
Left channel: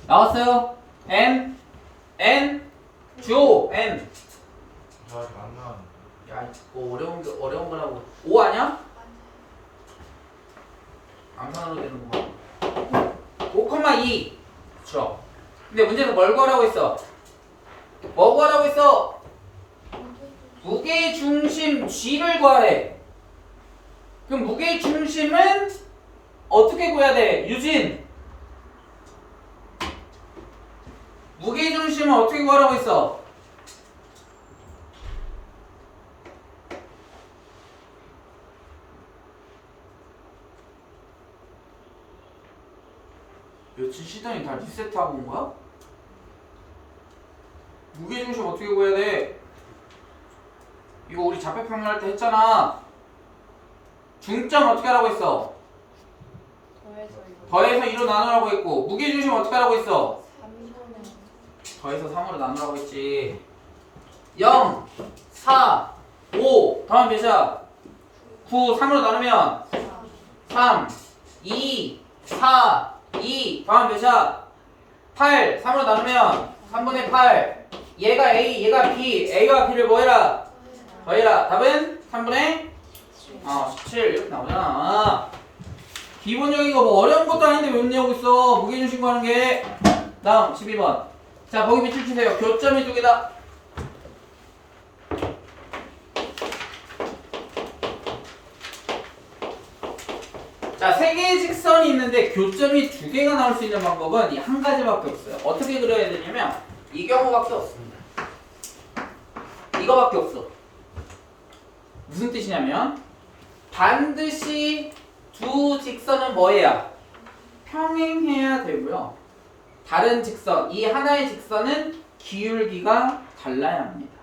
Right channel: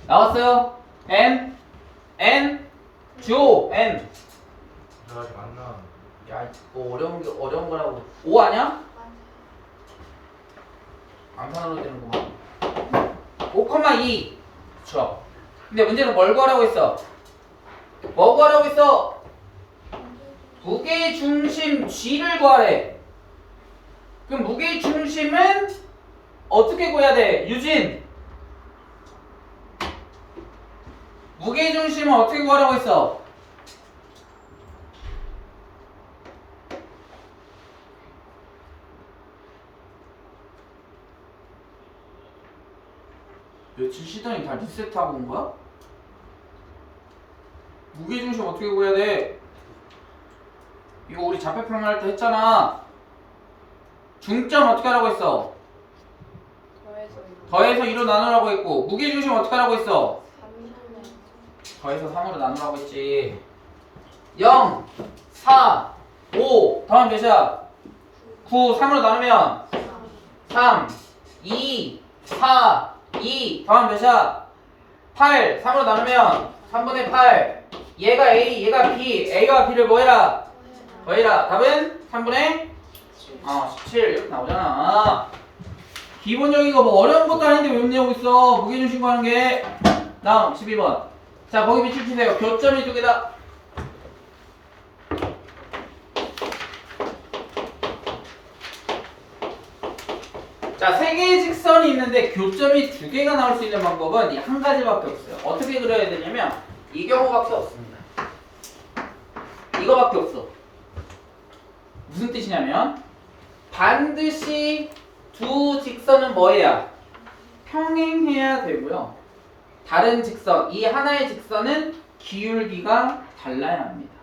나왔어요? n 줘 n. 나 아직 안 나왔는데. 야, 이거 어려운 거라고. 5 아니야? 암산으로 되는구만. 5,2. 그쵸. 근데 문제는 뭘 구하라고 했어? 뭐 구하라고 했어? 무게의 중심 G를 구하래. 그럼 무게의 중심은 어떻게 구해야 돼? 유진. 무게의 중심은 어떻게 구하라고 했어? 며칠 쉬더니 다 리셋하고 온 거야? 무게중심 어떻게 구해야 돼? 이거 우리 좌표평면할 때 했잖아. 중점 어떻게 하라고 했어? 더해서 2로 나누라고 했고 무게중심 어떻게 하라고 했어? 3. 더해서 3으로 나누라고 했지. 0, 4, 5 다음 몇이야? 9, 3으로 나누면 3, 2, 4, 2 다음 몇이야? 8, 3으로 나누면 3분의 8 얘가 A, 얘가 B, A와 B를 뭐해라? 더해라. 답은 3분의 17 이렇게 나오잖아. 기본적인 거 뭐 어려운 것도 아닌데 왜 문제하고 있어? 무게중심 구하는 게. 다음 12번. 자, 거기 밑줄 치세요. 교점이 두 개다. 자, 세 개의 직선이 있는데 교점이 두 개가 나올 수 있는 방법은 이 한 가지밖에 없어요. 어떻게 그려야 되냐면 이 경우밖에 없습니다. 이거밖에 없어. 무슨 뜻이냐면 반드시 두 직선은 뭐해야? 평행해야 되고요. 다른 직선, 이 하나의 직선은 기울기가 달라야 합니다.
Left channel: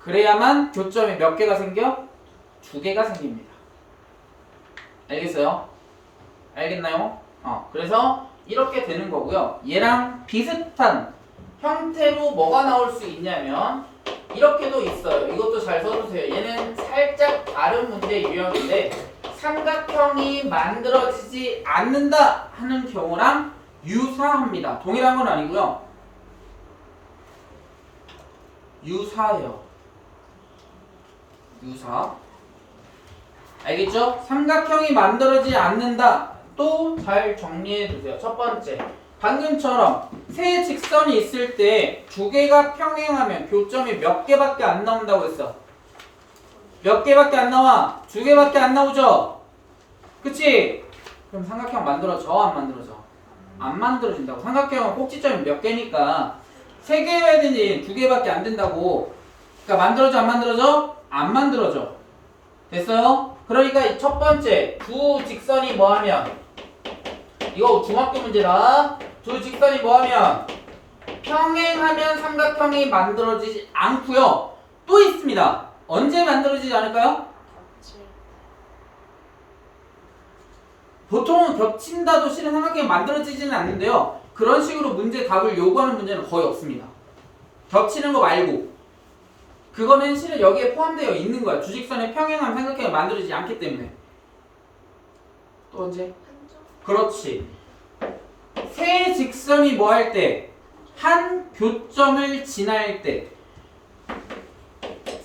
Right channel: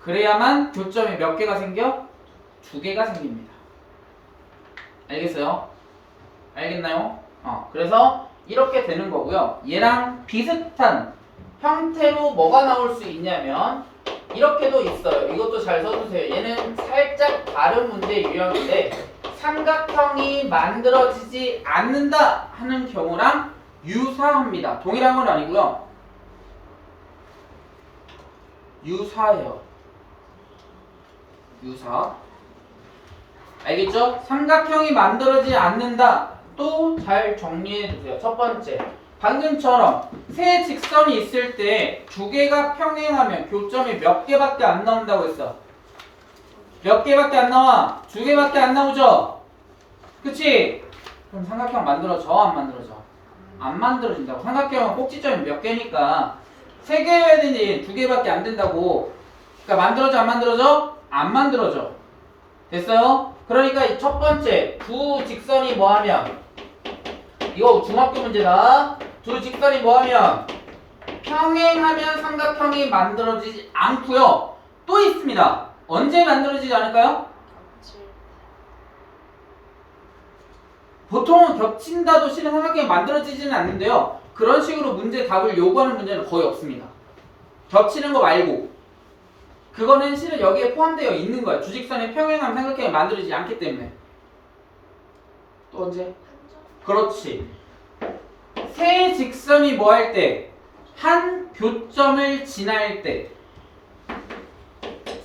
그래야만 교점이 몇 개가 생겨? 두 개가 생깁니다. 알겠어요? 알겠나요? 그래서 이렇게 되는 거고요. 얘랑 비슷한 형태로 뭐가 나올 수 있냐면 이렇게도 있어요. 이것도 잘 써주세요. 얘는 살짝 다른 문제 유형인데 삼각형이 만들어지지 않는다 하는 경우랑 유사합니다. 동일한 건 아니고요. 유사해요. 유사. 알겠죠? 삼각형이 만들어지지 않는다. 또 잘 정리해 주세요. 첫 번째. 방금처럼 세 직선이 있을 때 두 개가 평행하면 교점이 몇 개밖에 안 나온다고 했어. 몇 개밖에 안 나와? 두 개밖에 안 나오죠? 그치? 그럼 삼각형 만들어져? 안 만들어져? 안 만들어진다고. 삼각형은 꼭지점이 몇 개니까 세 개여야 되니 두 개밖에 안 된다고. 그러니까 만들어져 안 만들어져? 안 만들어져. 됐어요? 그러니까 이 첫 번째 두 직선이 뭐하면 이거 중학교 문제다. 두 직선이 뭐하면 평행하면 삼각형이 만들어지지 않고요. 또 있습니다. 언제 만들어지지 않을까요? 보통은 겹친다도 실은 삼각형이 만들어지지는 않는데요. 그런 식으로 문제 답을 요구하는 문제는 거의 없습니다. 겹치는 거 말고 그거는 실은 여기에 포함되어 있는 거야. 주직선의 평행하면 삼각형이 만들어지지 않기 때문에. 또 언제? 그렇지. 세 직선이 뭐 할 때? 한 교점을 지날 때.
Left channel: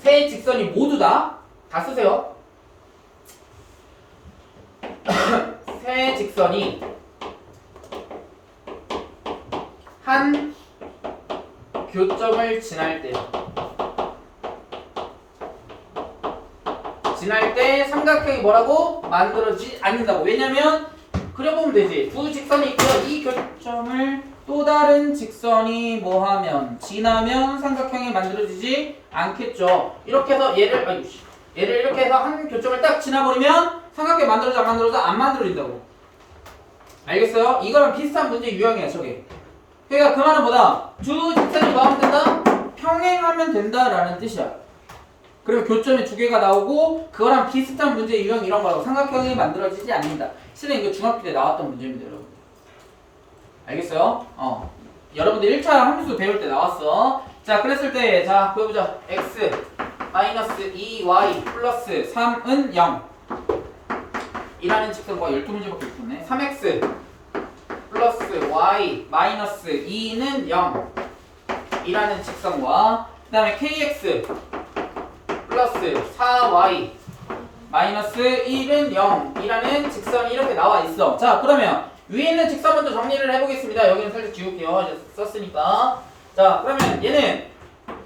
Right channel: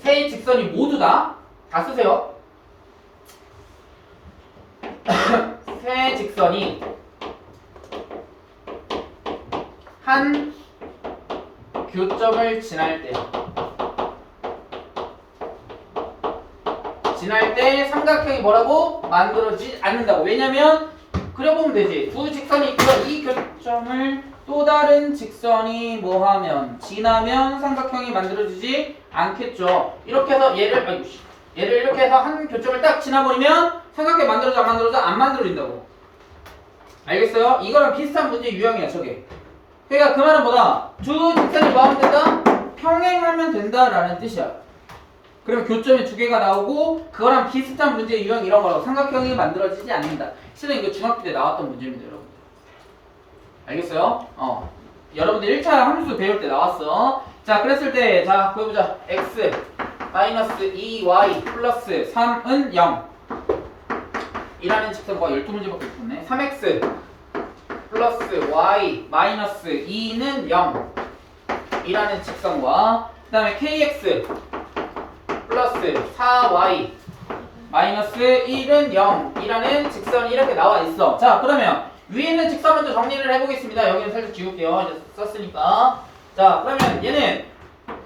세 직선이 모두 다 쓰세요. 세 직선이 한 교점을 지날 때. 지날 때 삼각형이 뭐라고? 만들어지지 않는다고. 왜냐면 그려보면 되지. 두 직선이 있고요. 이 교점을 또 다른 직선이 뭐하면 지나면 삼각형이 만들어지지 않겠죠. 이렇게 해서 얘를 이렇게 해서 한 교점을 딱 지나버리면 삼각형이 만들어져 안 만들어져? 안 만들어진다고. 알겠어요? 이거랑 비슷한 문제 유형이야 저게. 그러니까 그 말은 뭐다? 두 직선이 뭐하면 된다? 평행하면 된다라는 뜻이야. 그리고 교점이 두 개가 나오고 그거랑 비슷한 문제 유형 이런 거라고. 삼각형이 만들어지지 않는다. 실은 이거 중학교 때 나왔던 문제입니다 여러분들. 알겠어요? 여러분들 1차 함수 배울 때 나왔어. 자 그랬을 때 자 보여보자. x 마이너스 2y 플러스 3은 0 이라는 직선과 12문제밖에 없네. 3x 플러스 y 마이너스 2는 0 이라는 직선과 그 다음에 kx 플러스 4y 마이너스 1은 0 이라는 직선이 이렇게 나와 있어. 자 그러면 위에 있는 직선 먼저 정리를 해보겠습니다. 여기는 살짝 지울게요. 이제 썼으니까. 자 그러면 얘는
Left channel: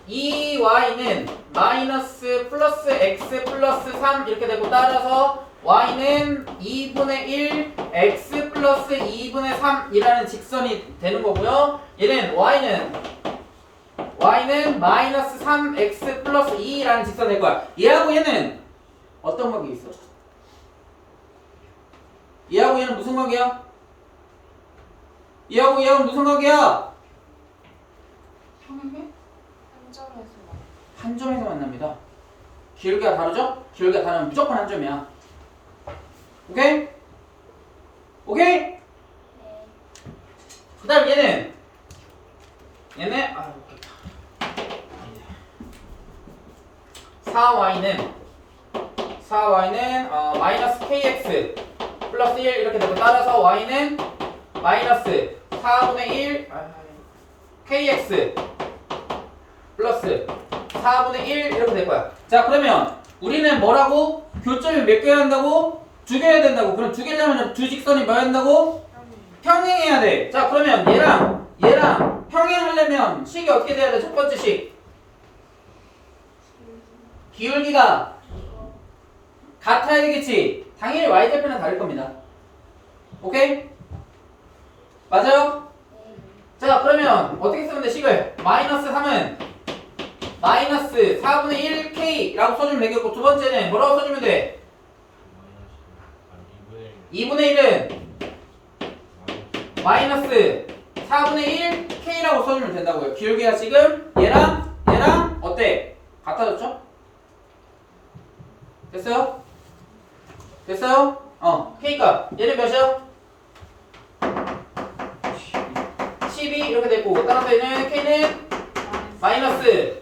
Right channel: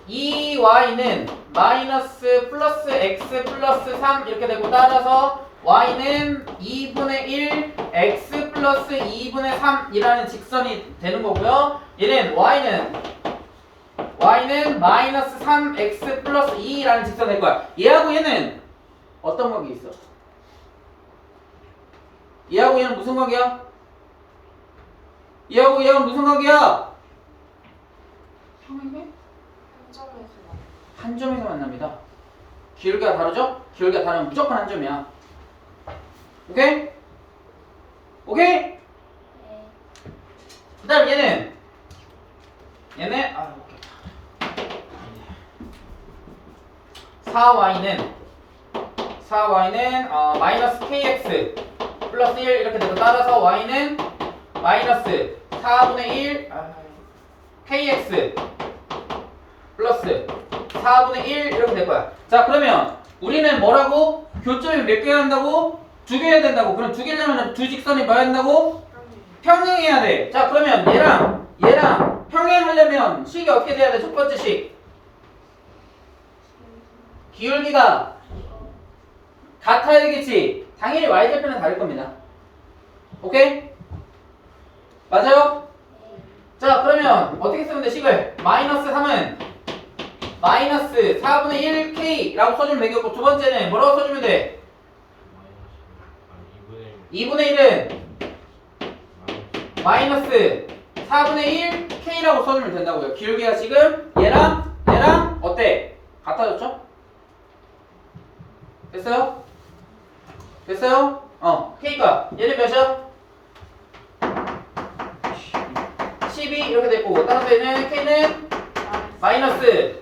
2y는 마이너스 플러스 x 플러스 3 이렇게 되고 따라서 y는 2분의 1 x 플러스 2분의 3 이라는 직선이 되는 거고요. 얘는 y는 마이너스 3x 플러스 2라는 직선이 될 거야. 얘하고 얘는 어떤 관계 있어? 얘하고 얘는 무슨 관계야? 얘하고 얘는 무슨 관계야? 평행해? 한 점에서 만납니다. 기울기가 다르죠? 기울기가 다르면 무조건 한 점이야. 오케이? 오케이? 그 다음 얘는 웃겼다. 4y는 마이너스 kx 플러스 1 이렇게 되고 따라서 y는 마이너스 4분의 1 kx 플러스 4분의 1 이렇게 될 거야. 자 그러면 우리는 뭐라고? 교점이 몇 개여야 된다고? 두 개여야 된다고. 그럼 두 개려면 두 직선이 뭐 해야 된다고? 평행해야 돼. 자 그러면 얘랑 평행하려면 식이 어떻게 돼야 돼? 첫 번째 식 기울기가 같아야 되겠지. 당연히 y절편은 다를 겁니다. 오케이? 맞아요? 자 그러면 어떻게 쓰면 돼? 식을 마이너스 3은 마이너스 4분의 1k라고 써주면 되겠고 두 번째는 뭐라고 써주면 돼? 2분의 1은 마이너스 4분의 1k라고 써주면 된다고요. 기울기가 지금 얘랑 어때? 같아졌죠? 됐어요? k가 얘는 몇이야? 12 이렇게 됐고 따라서 얘는 k는 마이너스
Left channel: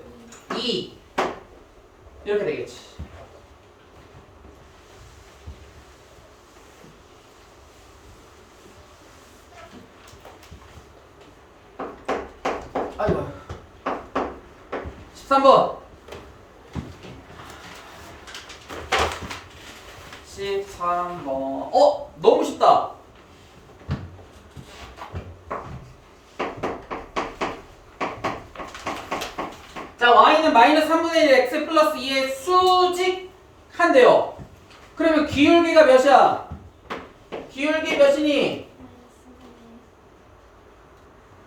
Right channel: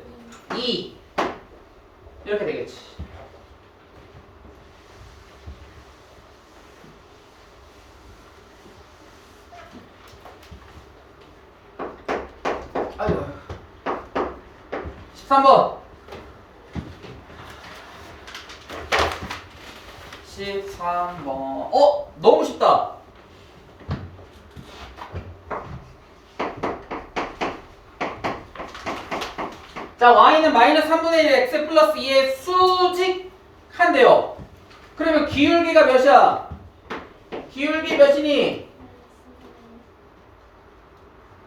2 이렇게 되겠지. 아이고 13번 13번 너무 쉽다. 자 y는 마이너스 3분의 1 x 플러스 2의 수직한데요. 그러면 기울기가 몇이야? 기울기 몇이니?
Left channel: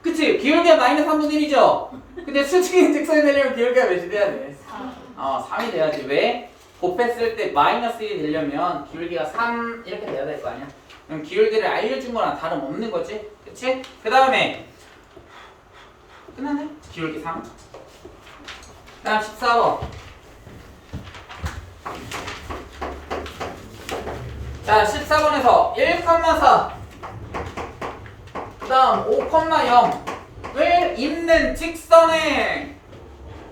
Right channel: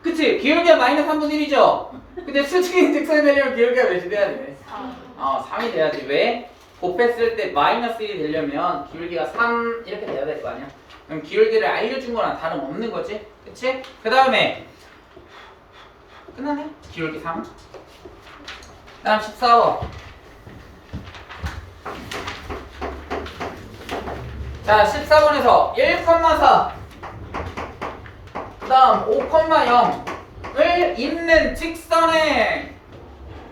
그치? 기울기가 마이너스 3분의 1이죠? 근데 수직인 직선이 되려면 기울기가 몇이 돼야 돼? 3이 돼야지. 왜? 곱했을 때 마이너스 1이 되려면 기울기가 3 이렇게 돼야 될 거 아니야? 그럼 기울기를 알려준 거랑 다름없는 거지. 그치? 그 다음에 끝났네? 기울기 3. 다음 14번. 자 14번에서 1,4 그 다음 5,0을 있는 직선에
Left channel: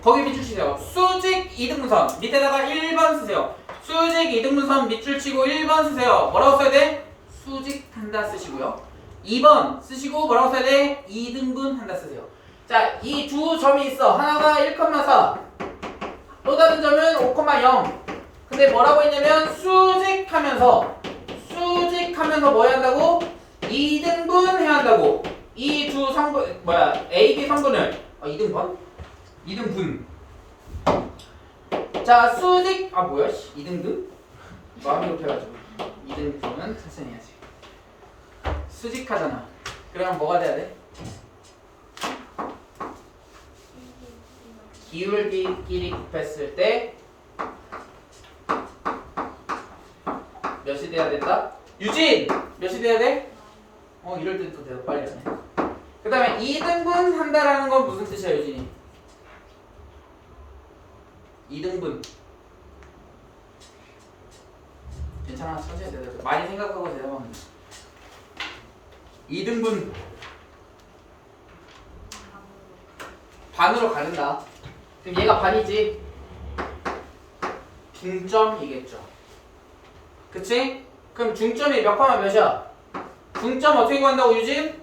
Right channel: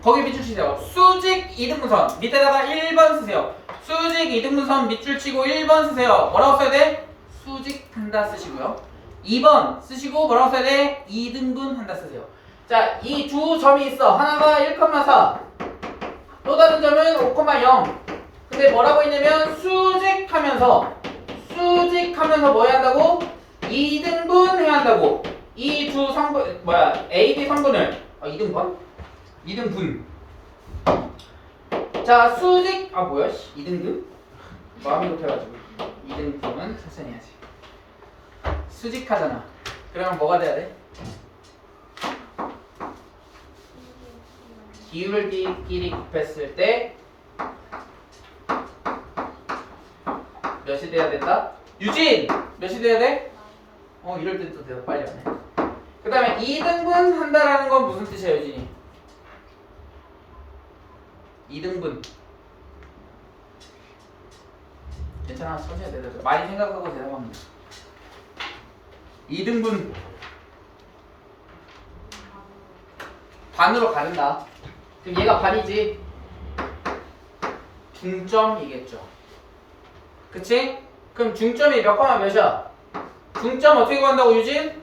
거기 밑줄 치세요. 수직 이등분선 밑에다가 1번 쓰세요. 수직 이등분선 밑줄 치고 1번 쓰세요. 뭐라고 써야 돼? 수직한다 쓰시고요. 2번 쓰시고 뭐라고 써야 돼? 이등분한다 쓰세요. 자, 이 두 점이 있어. 하나가 1,4 또 다른 점은 5,0 근데 뭐라고 했냐면 수직하면서 뭐 해야 한다고? 이등분 해야 한다고. 이 두 성분 A, B 성분을 이등분. 자 수직 이등분? 마음이 급해가지고 이등분은 천천히 해야지. 수직하잖아. 그러면 뭐가 돼야 돼? 기울기끼리 곱했을 때 몇이 돼야 된다? 유진! 몇이 돼야 돼? 이럴 때 또 대답 빨리 하네. 그 다음에 2등분 한다라는 건 무슨 뜻이야, 유진이? 2등분. 괜찮아, 천천히 대답해. 많이 생각하고 대답하면 돼. 2등분. 반으로 가른다. 그럼 얘가 반이지. 중점이겠죠. 그치? 그럼 중점이 몇 컴마 몇이야? 중점 어떻게 구한다고 유진?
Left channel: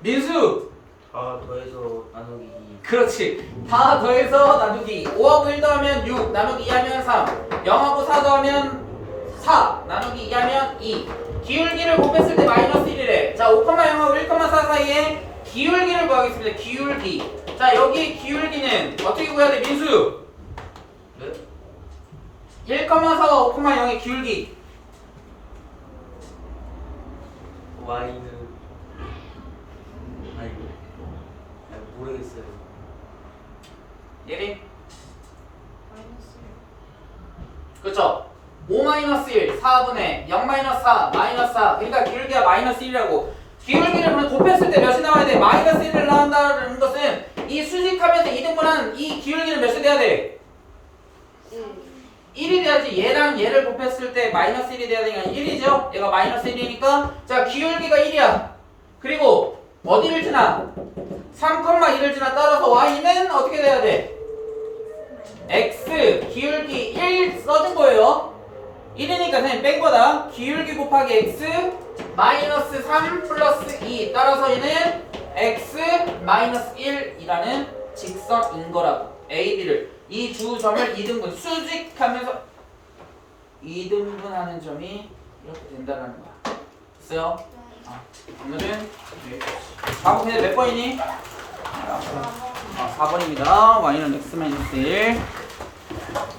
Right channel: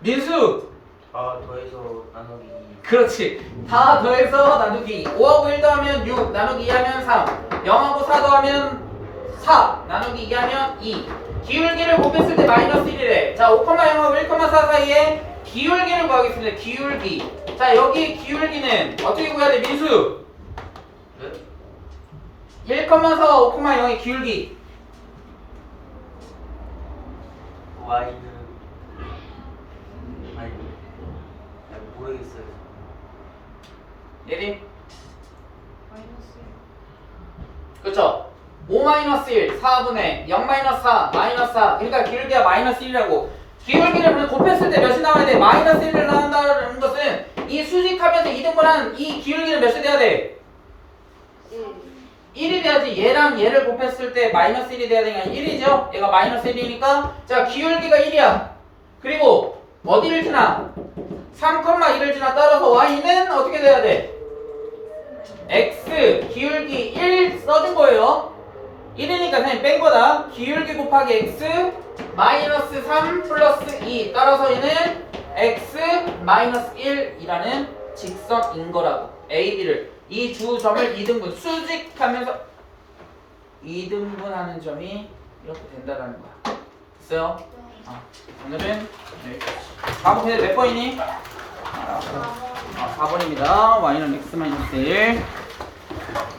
민수! 다 더해서 나누기 2. 그렇지. 다 더해서 나누기 5하고 1 더하면 6 나누기 2 하면 3 0하고 4 더하면 4 나누기 2 하면 2 기울기를 곱했을 때 마이너스 1이래. 자 5,0하고 1,4 사이에 기울기를 구하겠습니다. 기울기. 자 여기 기울기는 어떻게 구해야 돼 민수? 네? 1,4와 5,0의 기울기 Y는 아니 모르겠어요. 예리? 마이너스 그쵸? 5-1 4분의 0-4 마이너스 4 그러니까 기울기가 마이너스 1이라고. 기울기를 곱했을 때 몇이 나와야 돼? 마이너스 1을 나온다는 것은 이 수직하면서 이등분한 이 기울기는 몇이 돼야 돼? 1이 돼야지. 얘랑 얘를 곱했을 때 마이너스 1이 돼야 되니까 1이죠? 얘가 마이너스 1이니까 자 기울기가 1이야. 그리고 어디를 지나? 3,1을 지나. 따라서 y는 어떻게 돼야 돼? x 기울기 1 써준 거예요. 1이니까 선생님 뺀 거다. 기울기 곱하기 x 마이너스 3 플러스 2 따라서 얘는 x 마이너스 1이라는 직선인 거라고. A, B를 이 두 점을 이등분 수직하면서 이등분하는 점이 이렇게 된다라는 거야. 됐어요? 오늘은 다음 문제 몇 번이니? 4번입니다. y는 x 마이너스 1